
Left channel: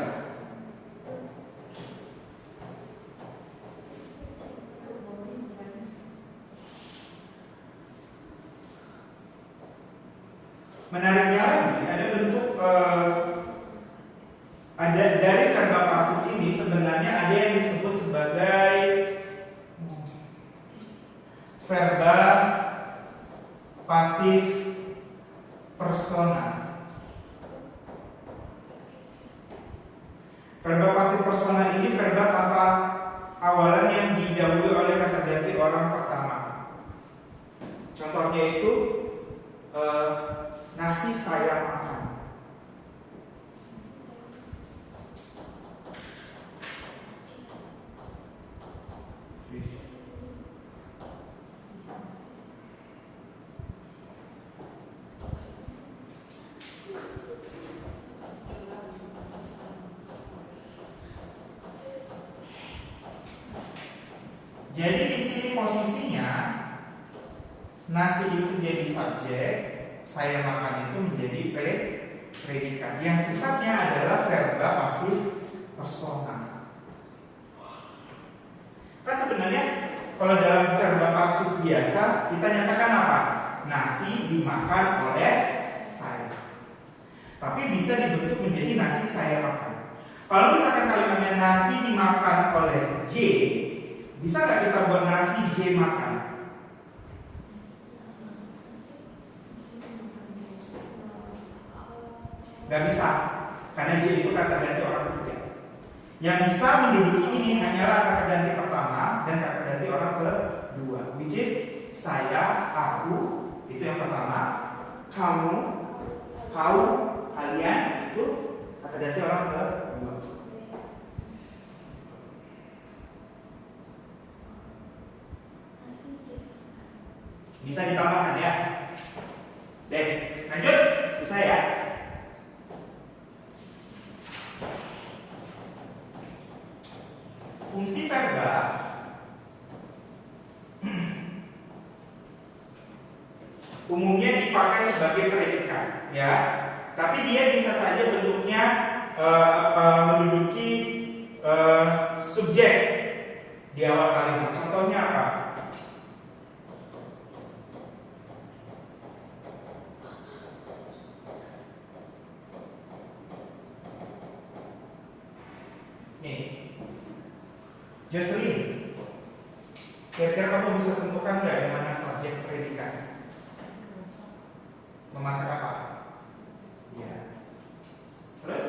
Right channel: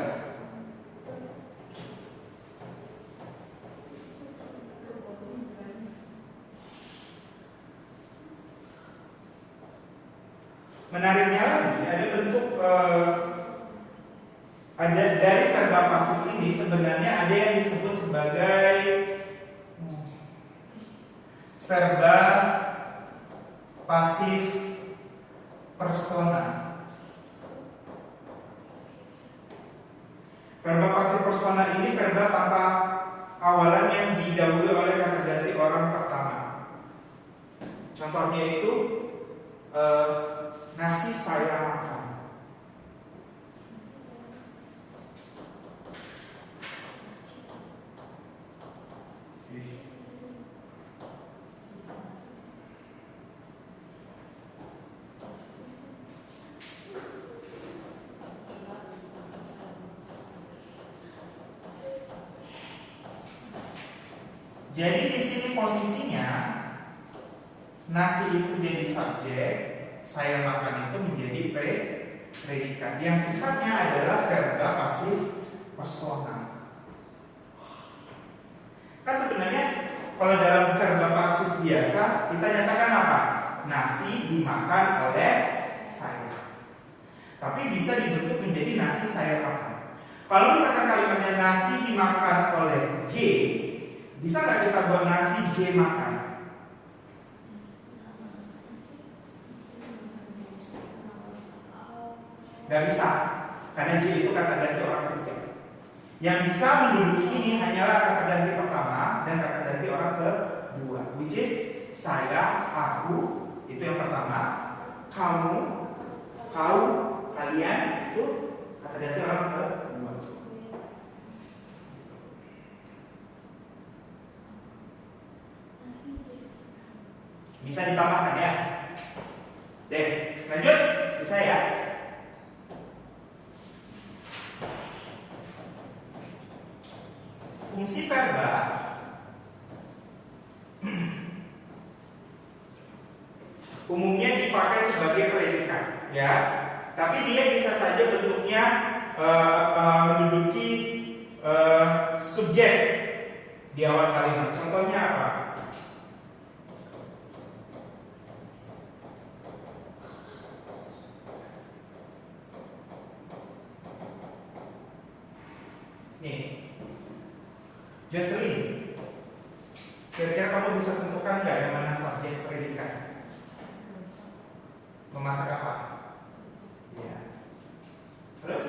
Menariknya lagi, ada bentuk ada dari verba pasif ini sebenarnya ada yang disebut sebagai verba pasif persona. Verba pasif persona ini verba tanpa awalan yang didahului oleh kata ganti orang pertama. Contohnya itu nasi saya makan. Jadi di sini posisinya nasi itu jadi subjek, saya makan itu menjadi predikat yang sifatnya adalah verba pasif persona. Kan sebenarnya kalau dalam verba pasif biasa kita nyatakan apa? Nasi dimakan oleh saya. Tapi bisa dibentuk menjadi nasi saya makan. Kalau misalkan kalimatnya nasi dimakan oleh J, bisa nggak kita buat nasi J makan? Nggak bisa, karena J itu kata ganti orang ketiga. Yang bisa menduduki ini hanyalah kata ganti pertama dan kata ganti orang kedua, which is saya, aku, itu yang pertama, kamu, kau, kalian, itu kata ganti orang kedua. Bisa ditambahkan ya. Deh, lanjut, bisa ya. Fungsi verba umumnya dipakai sebagai predikat, ya. Tapi dia bisa saja bentuknya menduduki subjek di awal kalimat. Contohnya apa? Nih, Jocelyn, kira-kira kamu bisa tentukan nggak yang mana subjek predikat? Memasak apa? Ya. Terus?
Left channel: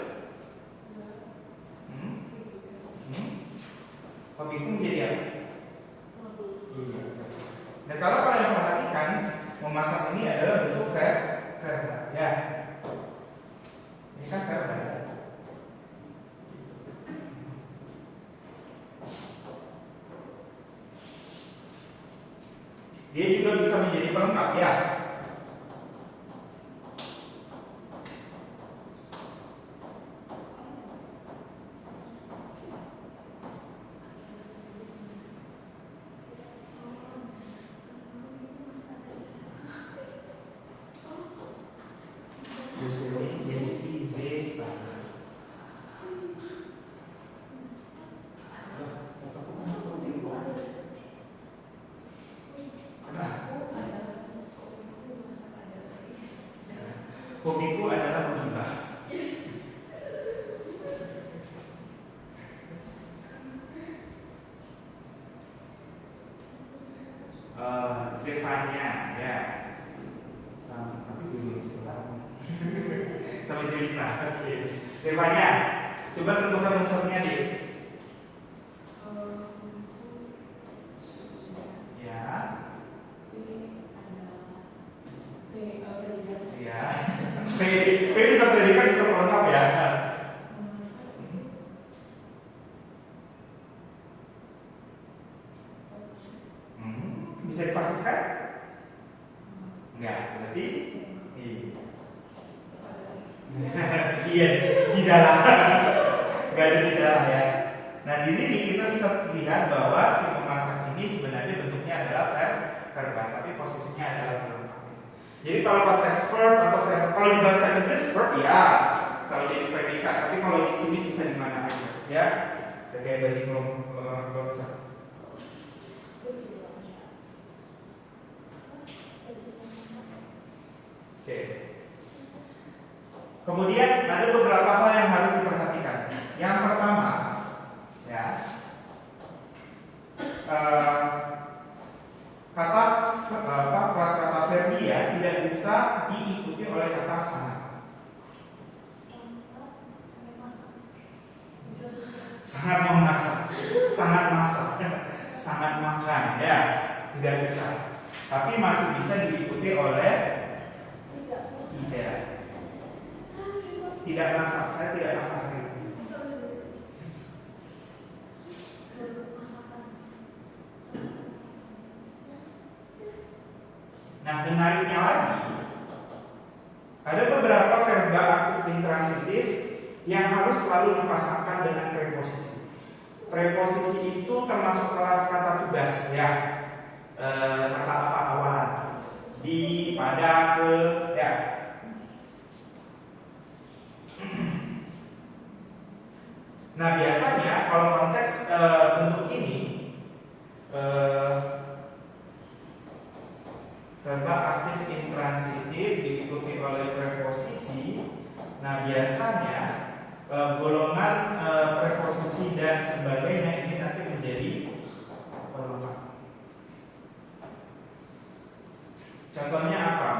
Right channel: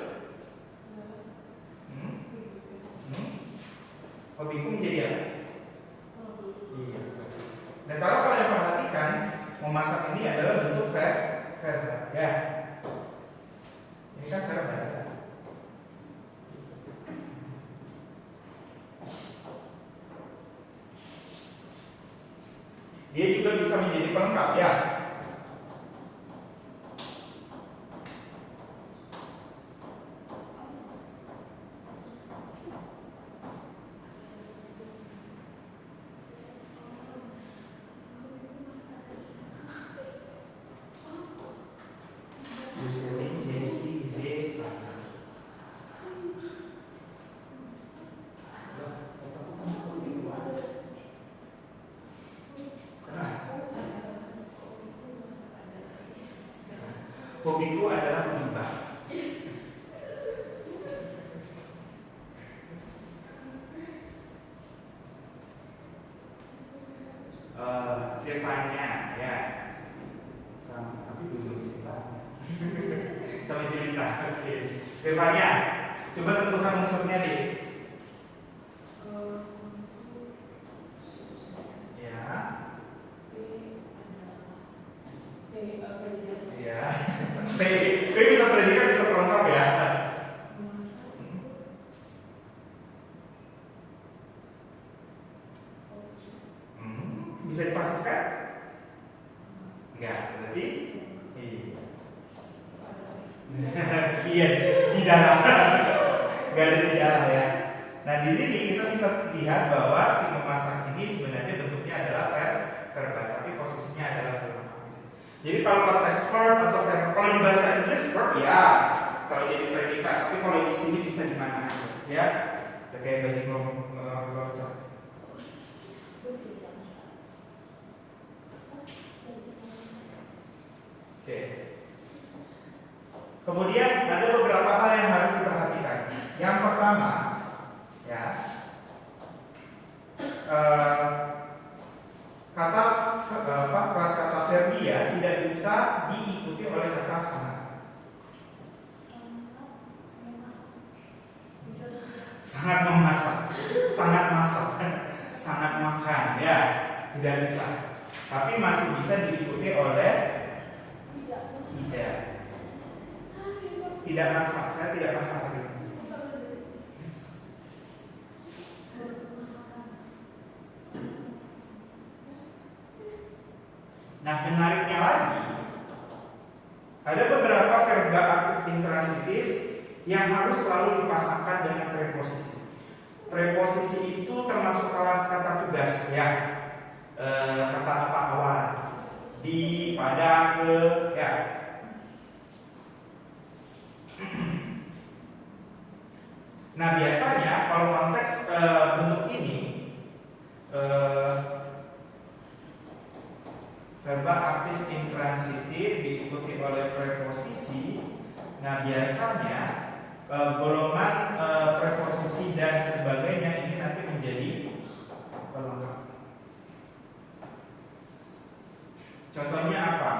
Hobiku menjadi apa? Iya. Dan kalau kalian perhatikan, memasak ini adalah bentuk verba, ya. Ini kan verba. Dia juga bisa menjadi pelengkap ya. Silvania, ya. Sama, tapi dulu sebelah. Sama cerita. Oke. Silvania, coba tentukan unsurnya deh. Ya. Ya. P bisa predikat, bisa pelengkap ya. Bisa dipastikan? Enggak, berarti iya di dalam. Enggak ada di dalam ya. Nah di sini kita bisa lihat bahwa si memasak ini sebenarnya bentuknya adalah verba, tapi posisinya adalah verb. Jadi kalau konteks verb atau verb, kalau di bahasa Inggris verb ya, kalau jadi predikat. Tapi kalau di sini bisa di mana aja, ya. Kayak baju belum. Oke. Kemudian ada beberapa hal yang harus diperhatikan. Yang pertama, ya, kata verbia tidak bisa diikuti oleh kata sangat. Sangat memasak, sangat masak, sangat makan, ya, tidak bisa. Tapi masih bisa diikuti oleh tidak masak. Saya tidak masak. Nah, menariknya lagi, ada beberapa verba aktif intransitif yang harus selalu dipasangkan dengan preposisi. Preposisi itu termasuk kelas kata tugas, ya. Kata apa awalan? Di, pada, ke, ya. Nah biasanya kalau konteks bentuk ini verba aktif intransitif diikuti oleh preposisi. Nah biasanya golongan preposisi dan sebagainya ini nanti menjadi pelengkap. Contohnya apa?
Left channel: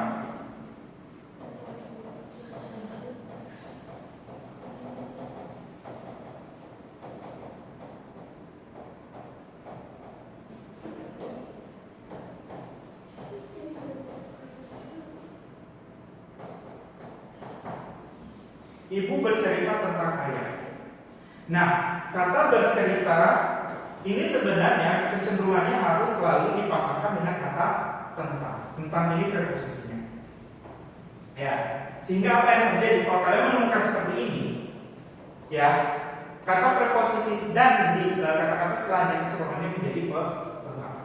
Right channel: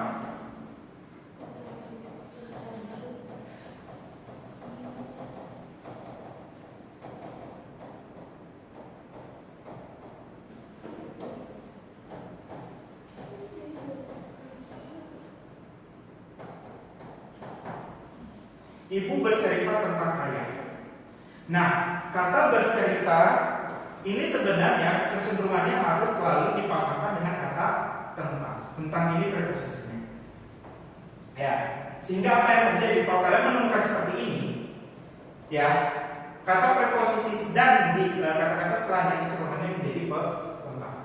Ibu bercerita tentang ayah. Nah, kata bercerita ini sebenarnya kecenderungannya harus selalu dipasangkan dengan kata tentang. Tentang ini preposisinya. Ya, sehingga apa yang terjadi kalau kalian menemukan seperti ini, ya, kata preposisi dan di kata-kata setelahnya kecenderungannya menjadi pelengkap.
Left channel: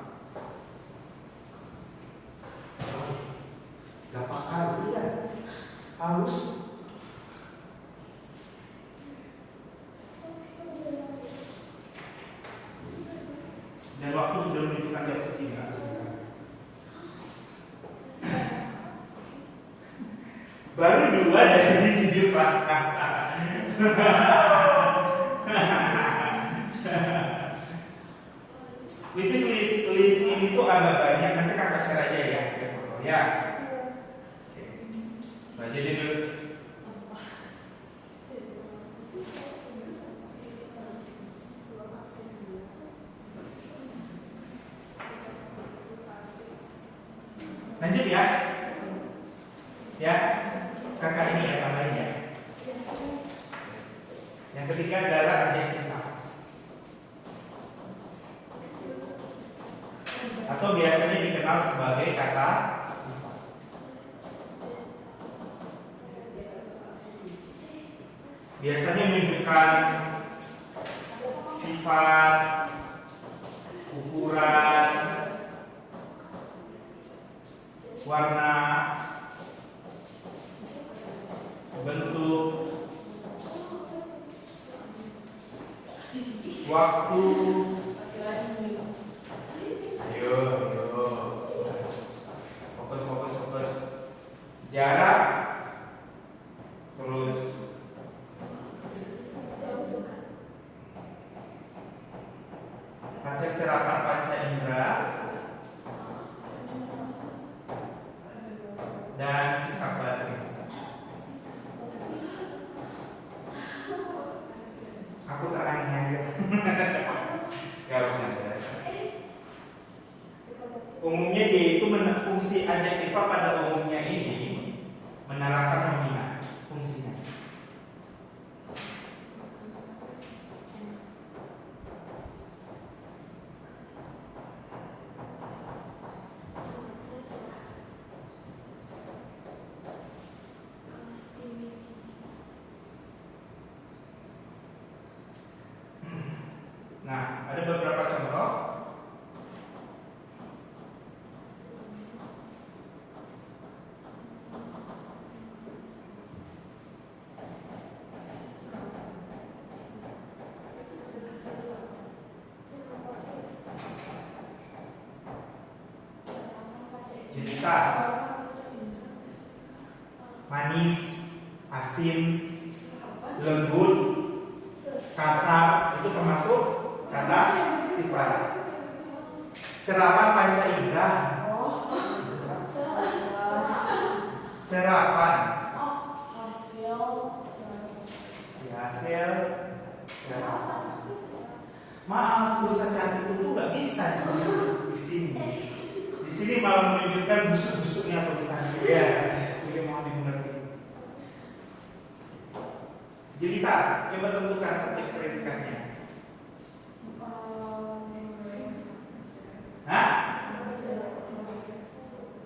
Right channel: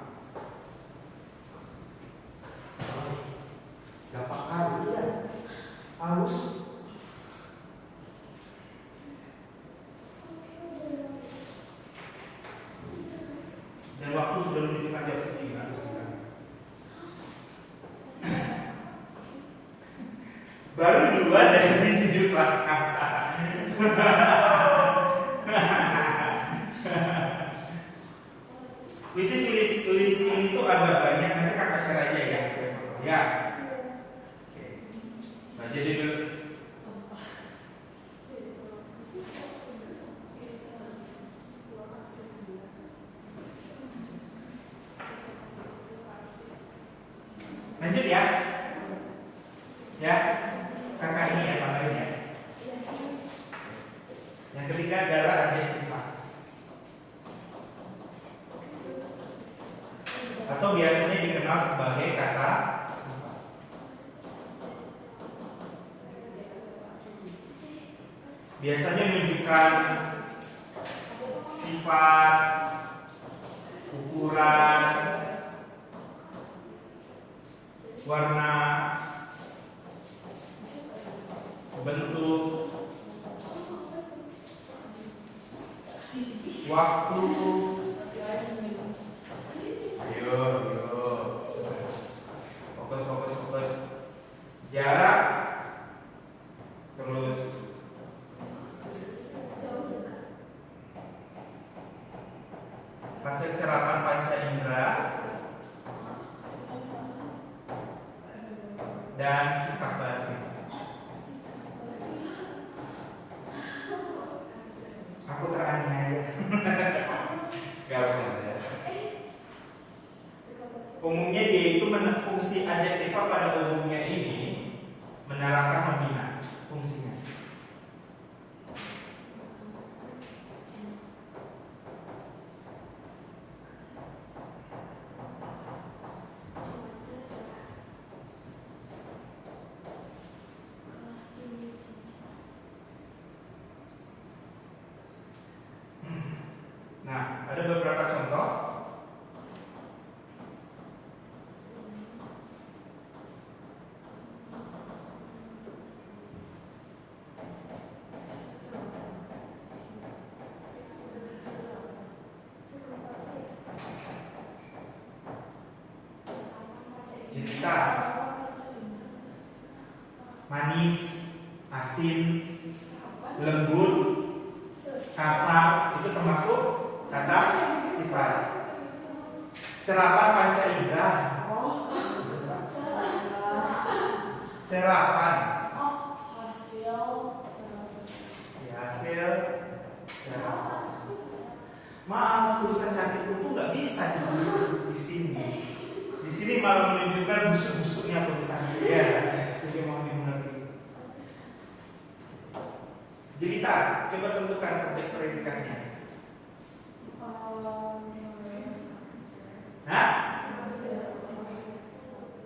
Gampang kali ya, harus. Dan waktu sudah menunjukkan jam segini. Baru 2 dari 7 kelas. Which is list ini tuh agak banyak, nanti kakak share aja ya. Ya. Oke. Baca dulu. Lanjut ya. Ya. Kakak ini ya, tambahin ya. Yang ketiga adalah adjektiva. Atau biasanya dikenal sebagai kata sifat. Biasanya menunjukkan sifat, ukuran, warna, bentuk, waktu. Ayo, fokus. Jarak, terus hasil serapan panca indera, fungsi adjektiva pada umumnya ini menerangkan nominal fungsinya. Nah, ada beberapa contoh. Cerita, manis, asin, lembut, kasar, itu termasuk kata sifat. Serapan panca indera. Serapan. Ya, hasil. Maaf, tulisan cantik itu nggak bisa di sini. Di sini malah menunjukkan busuk-busuknya tulisannya. Ya, jadi mohon dimengerti. Jelita, coba tentukan subjek predikannya. Hah?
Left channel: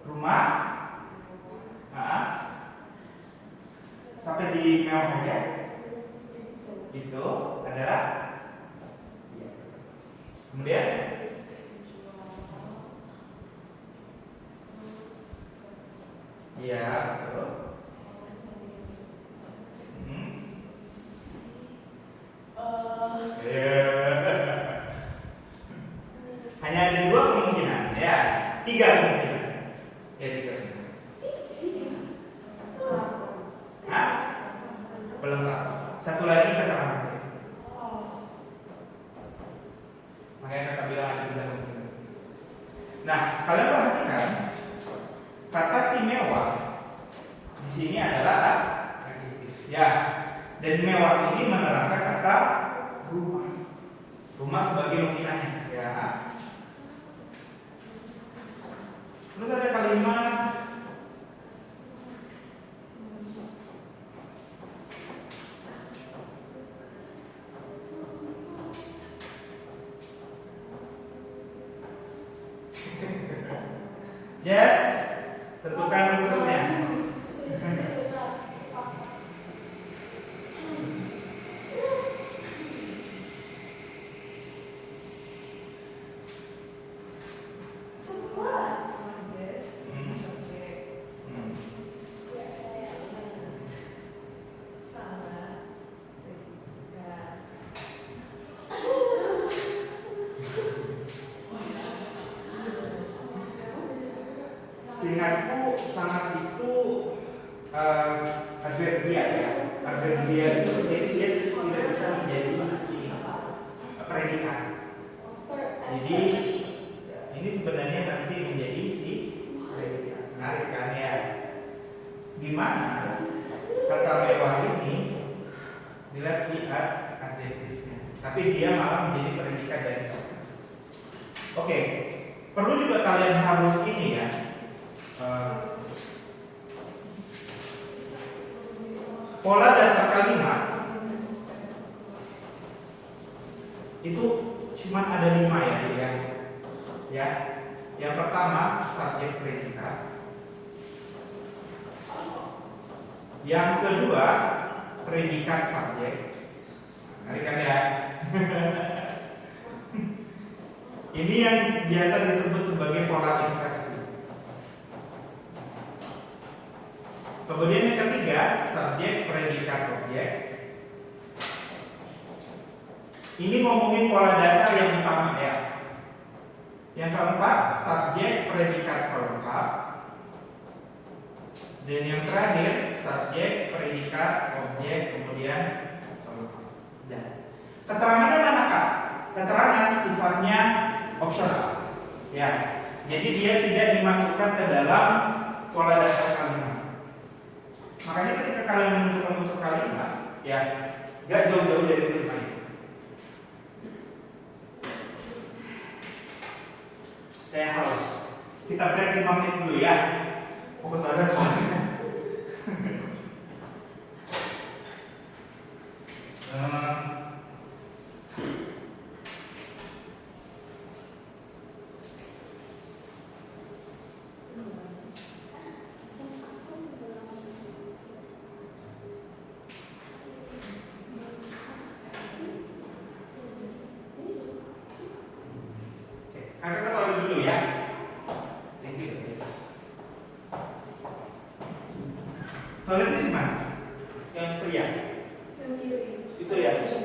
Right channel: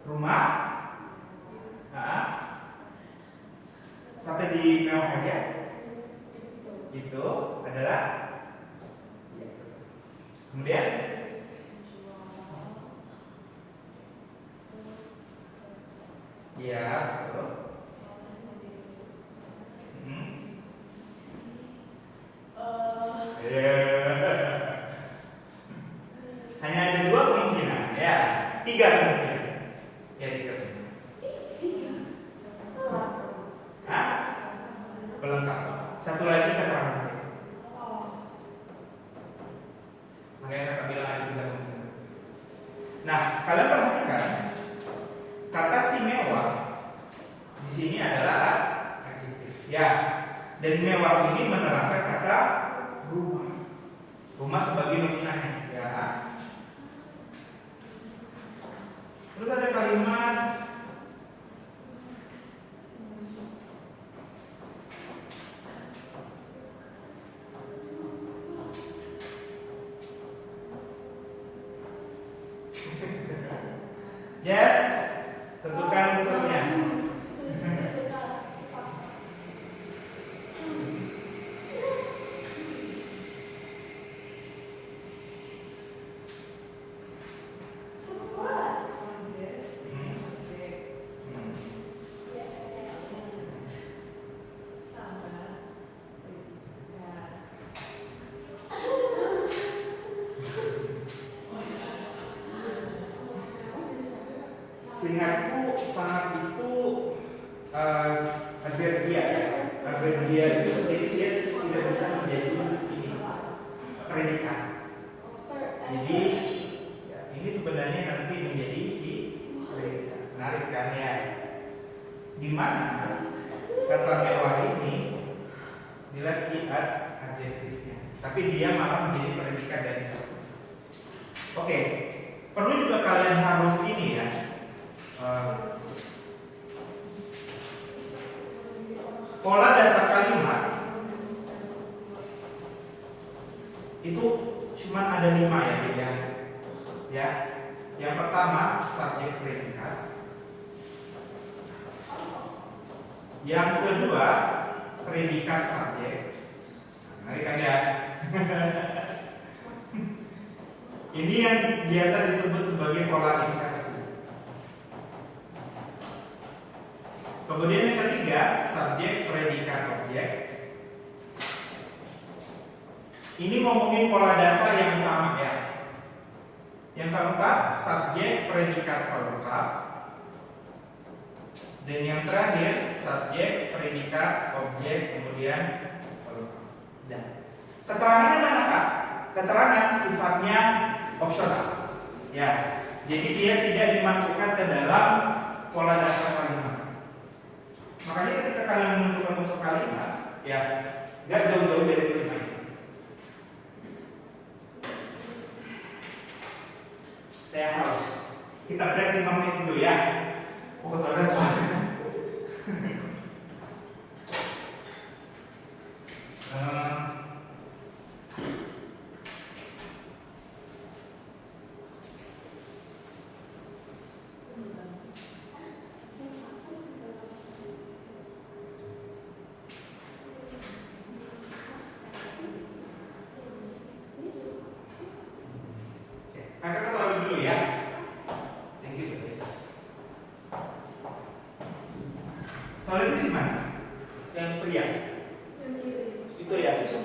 Rumah? Sampai di mewah aja. Itu adalah ya. Kemudian ya, betul. Hanya ada dua kemungkinan, ya, tiga kemungkinan, ya tiga. Hah? Pelengkap. Satu lagi keterangan. Makanya kakak bilang ada tiga kemungkinan. Nah, kalian perhatikan kata si mewah di sini adalah adjektif, ya. Dan mewah ini menerangkan kata rumah. Rumah sebagai nominalnya, ya. Terus ada kalimat Yes, tentukan unsurnya. Seingatku sangat itu adverbia ya. Adverbia itu sendiri dia tidak bisa menjadi ini predikat. Jadi ya, ini sebenarnya nanti menjadi si predikat. Menarik kan ya? Di mana kata mewah ini bila si adjektifnya, tapi dia malah menjadi predikat dari satu. Oke, perlu juga kalian harus ini ya. Pola dasar kalimat itu cuma ada 5 ya, ya. Yang pertama subjek predikat. Yang kedua predikat subjek. Menarik kan ya? Ini yang biasa disebut sebagai pola inversi. Kemudian yang ketiga, subjek, predikat, objek. Ini ngomongin pola dasar yang utama ya. Yang keempat, subjek, predikat, pelengkap. Dan yang terakhir, subjek, predikat, objek, kemudian pelengkap. Dan keterangannya mana Kak? Keterangan sifatnya opsional. Ya. Jadi dia tidak dimasukkan ke dalam pola dasar kalimat. Makanya ketika kalian menentukan unsur kalimat, ya, gak jauh-jauh dari 5 ini. Saya harus Kita break 5 menit dulu ya. Mau ke toilet soalnya. Kakak ke toilet dulu ya. Thank you guys. Toilet ini di mana? Yang pria? Yang kiri. Itu ya? Yang masuk.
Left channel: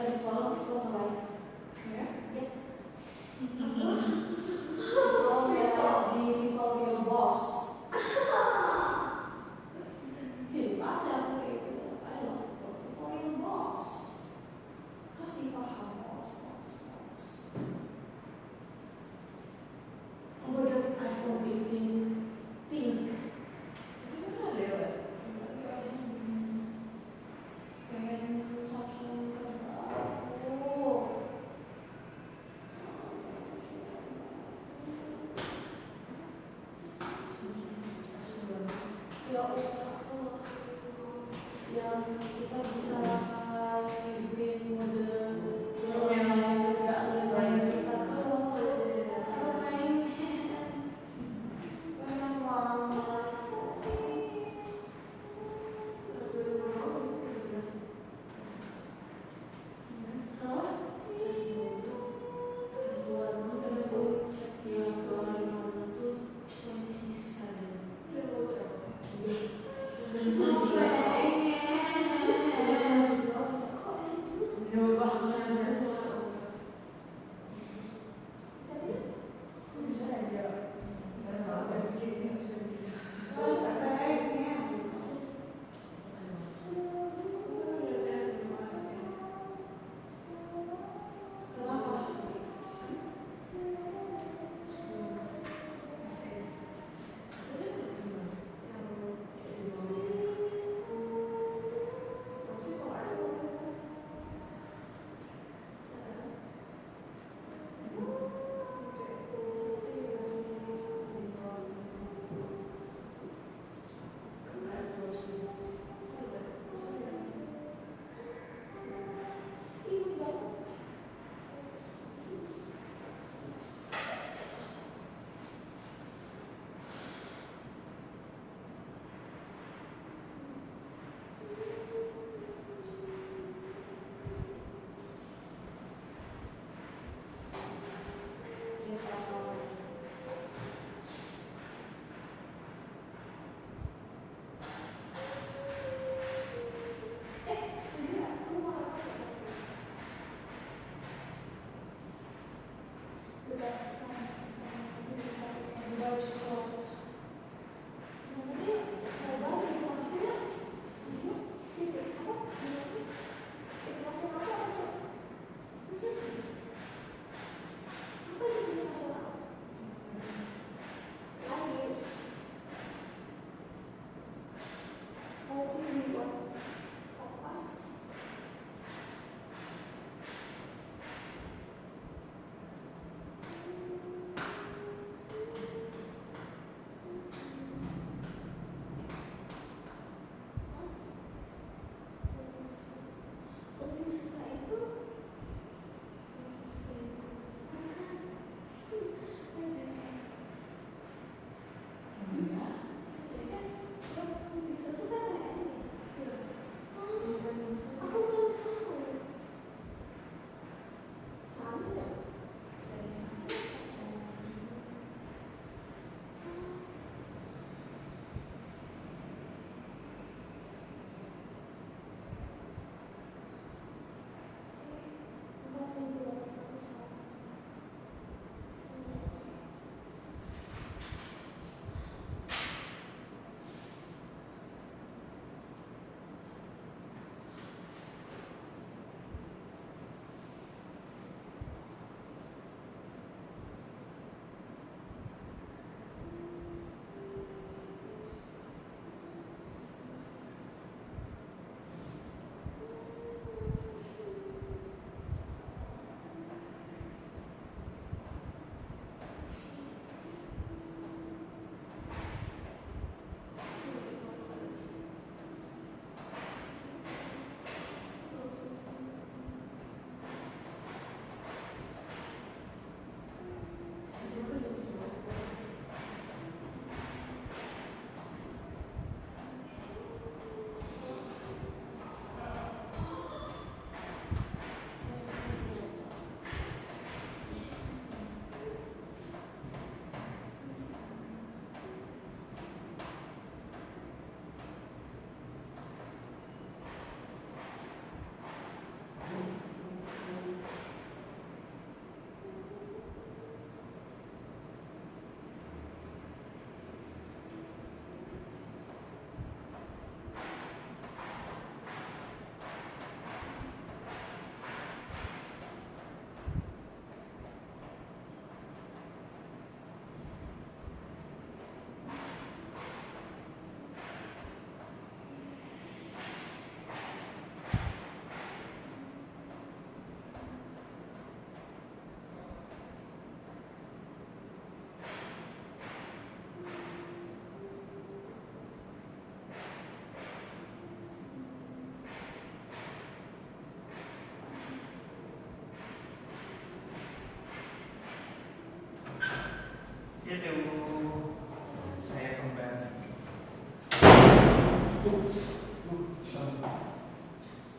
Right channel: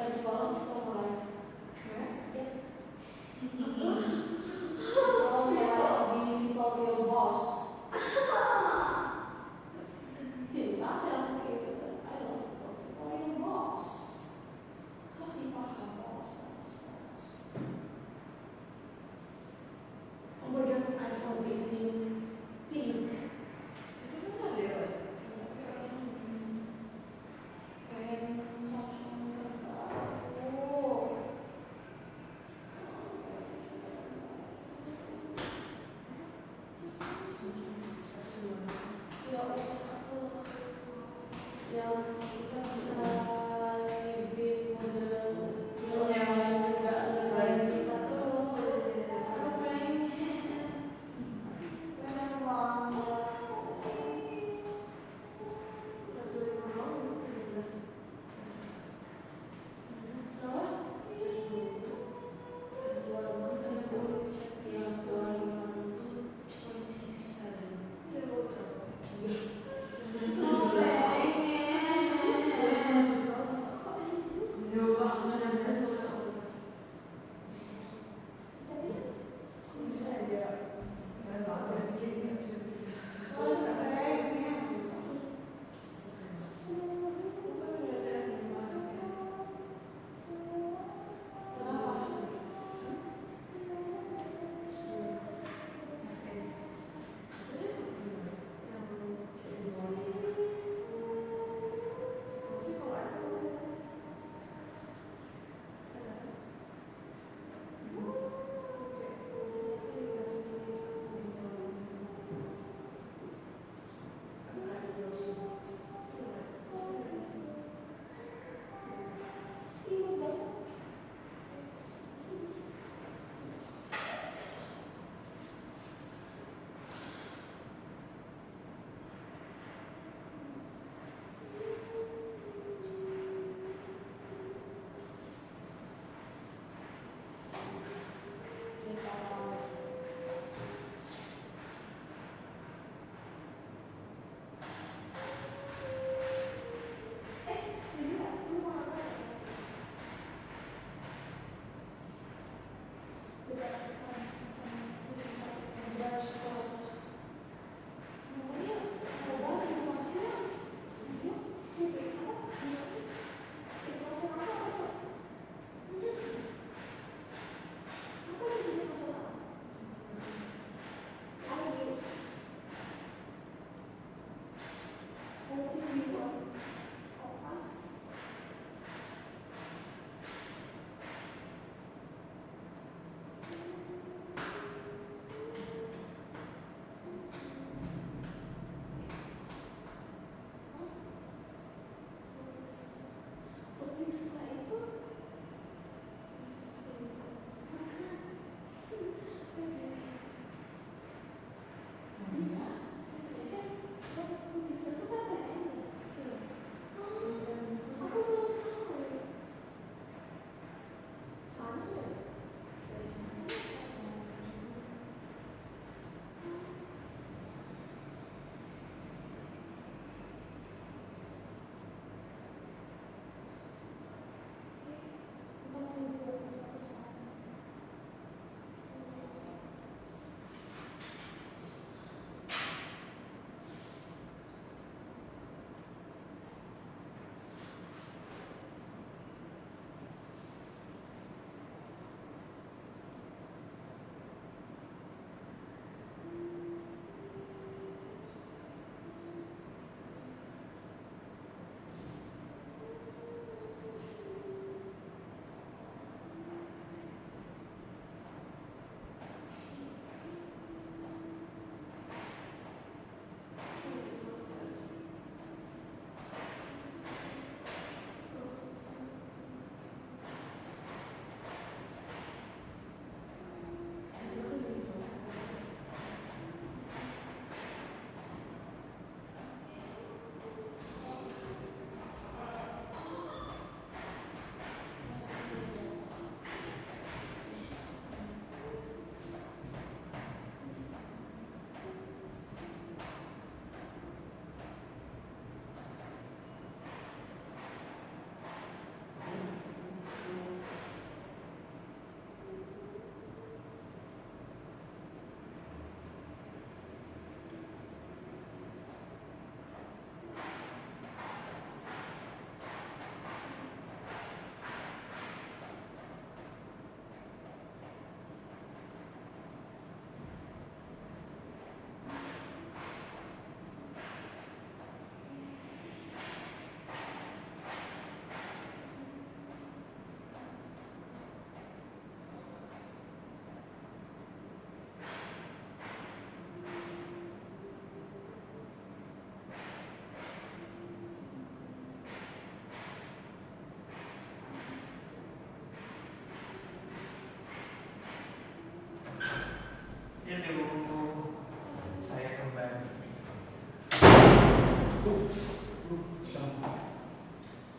Tadi semalam kita live. Ya? Oh, di Victoria Boss. Cinta sih aku kayak gitu. I love Victoria Boss. Kasih paham boss. Oh my god, iPhone 18 pink. Itu kan ada ya? Pengen Samsung terbaru.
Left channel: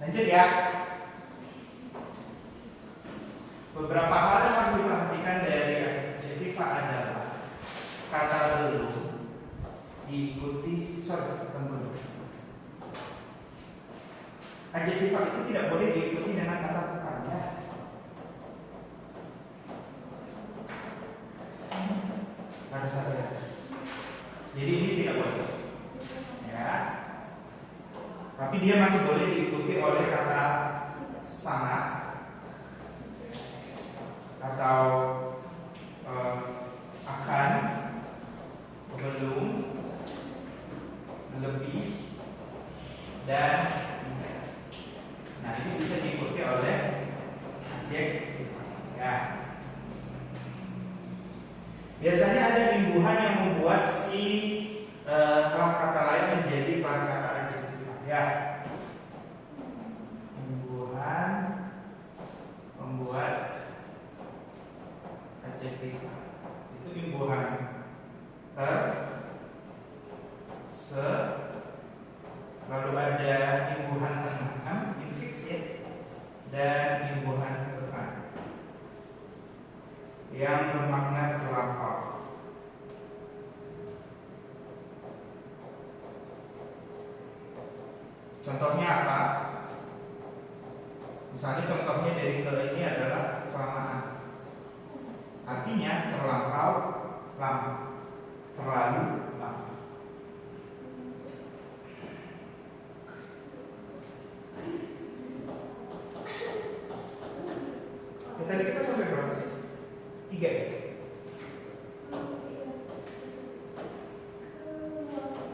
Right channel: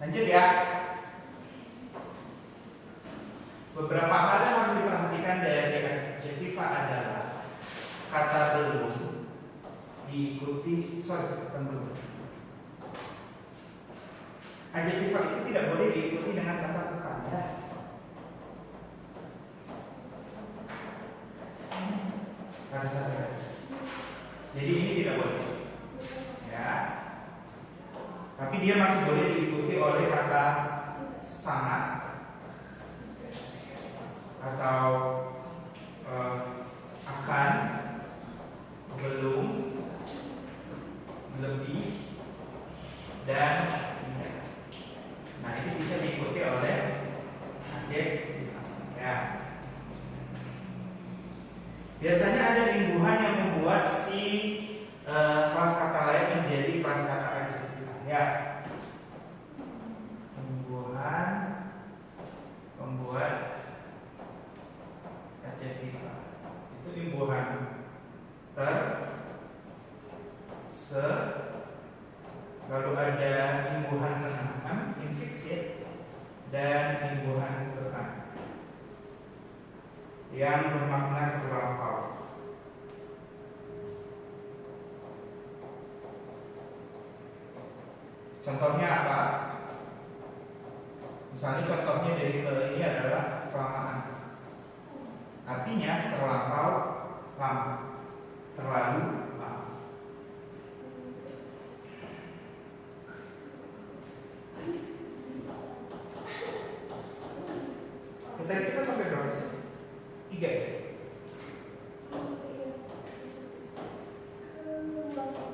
Lanjut ya. Beberapa hal yang harus diperhatikan dari adjektiva adalah kata belum diikuti, adjektiva itu tidak boleh diikuti dengan kata bukan ya. Pada saya. Jadi ini tidak boleh. Ya. Tapi dia masih boleh diikuti oleh kata sangat atau akan, belum, lebih, dan nah ini bisa diikuti oleh adjektif ya. Biasanya ada imbuhan yang membuat si kelas kata lain menjadi kelas kata adjektif ya. Imbuhan membuat adjektif itu imbuhan ter, se, lalu ada imbuhan tengah, infix ya, dan imbuhan depan yang bermakna terlampau. Contohnya apa? Misalnya contohnya dari ke ini adalah kelamaan. Artinya terlampau lama, terlalu lama. Tadi kita sampai berapa sih? 3 ya?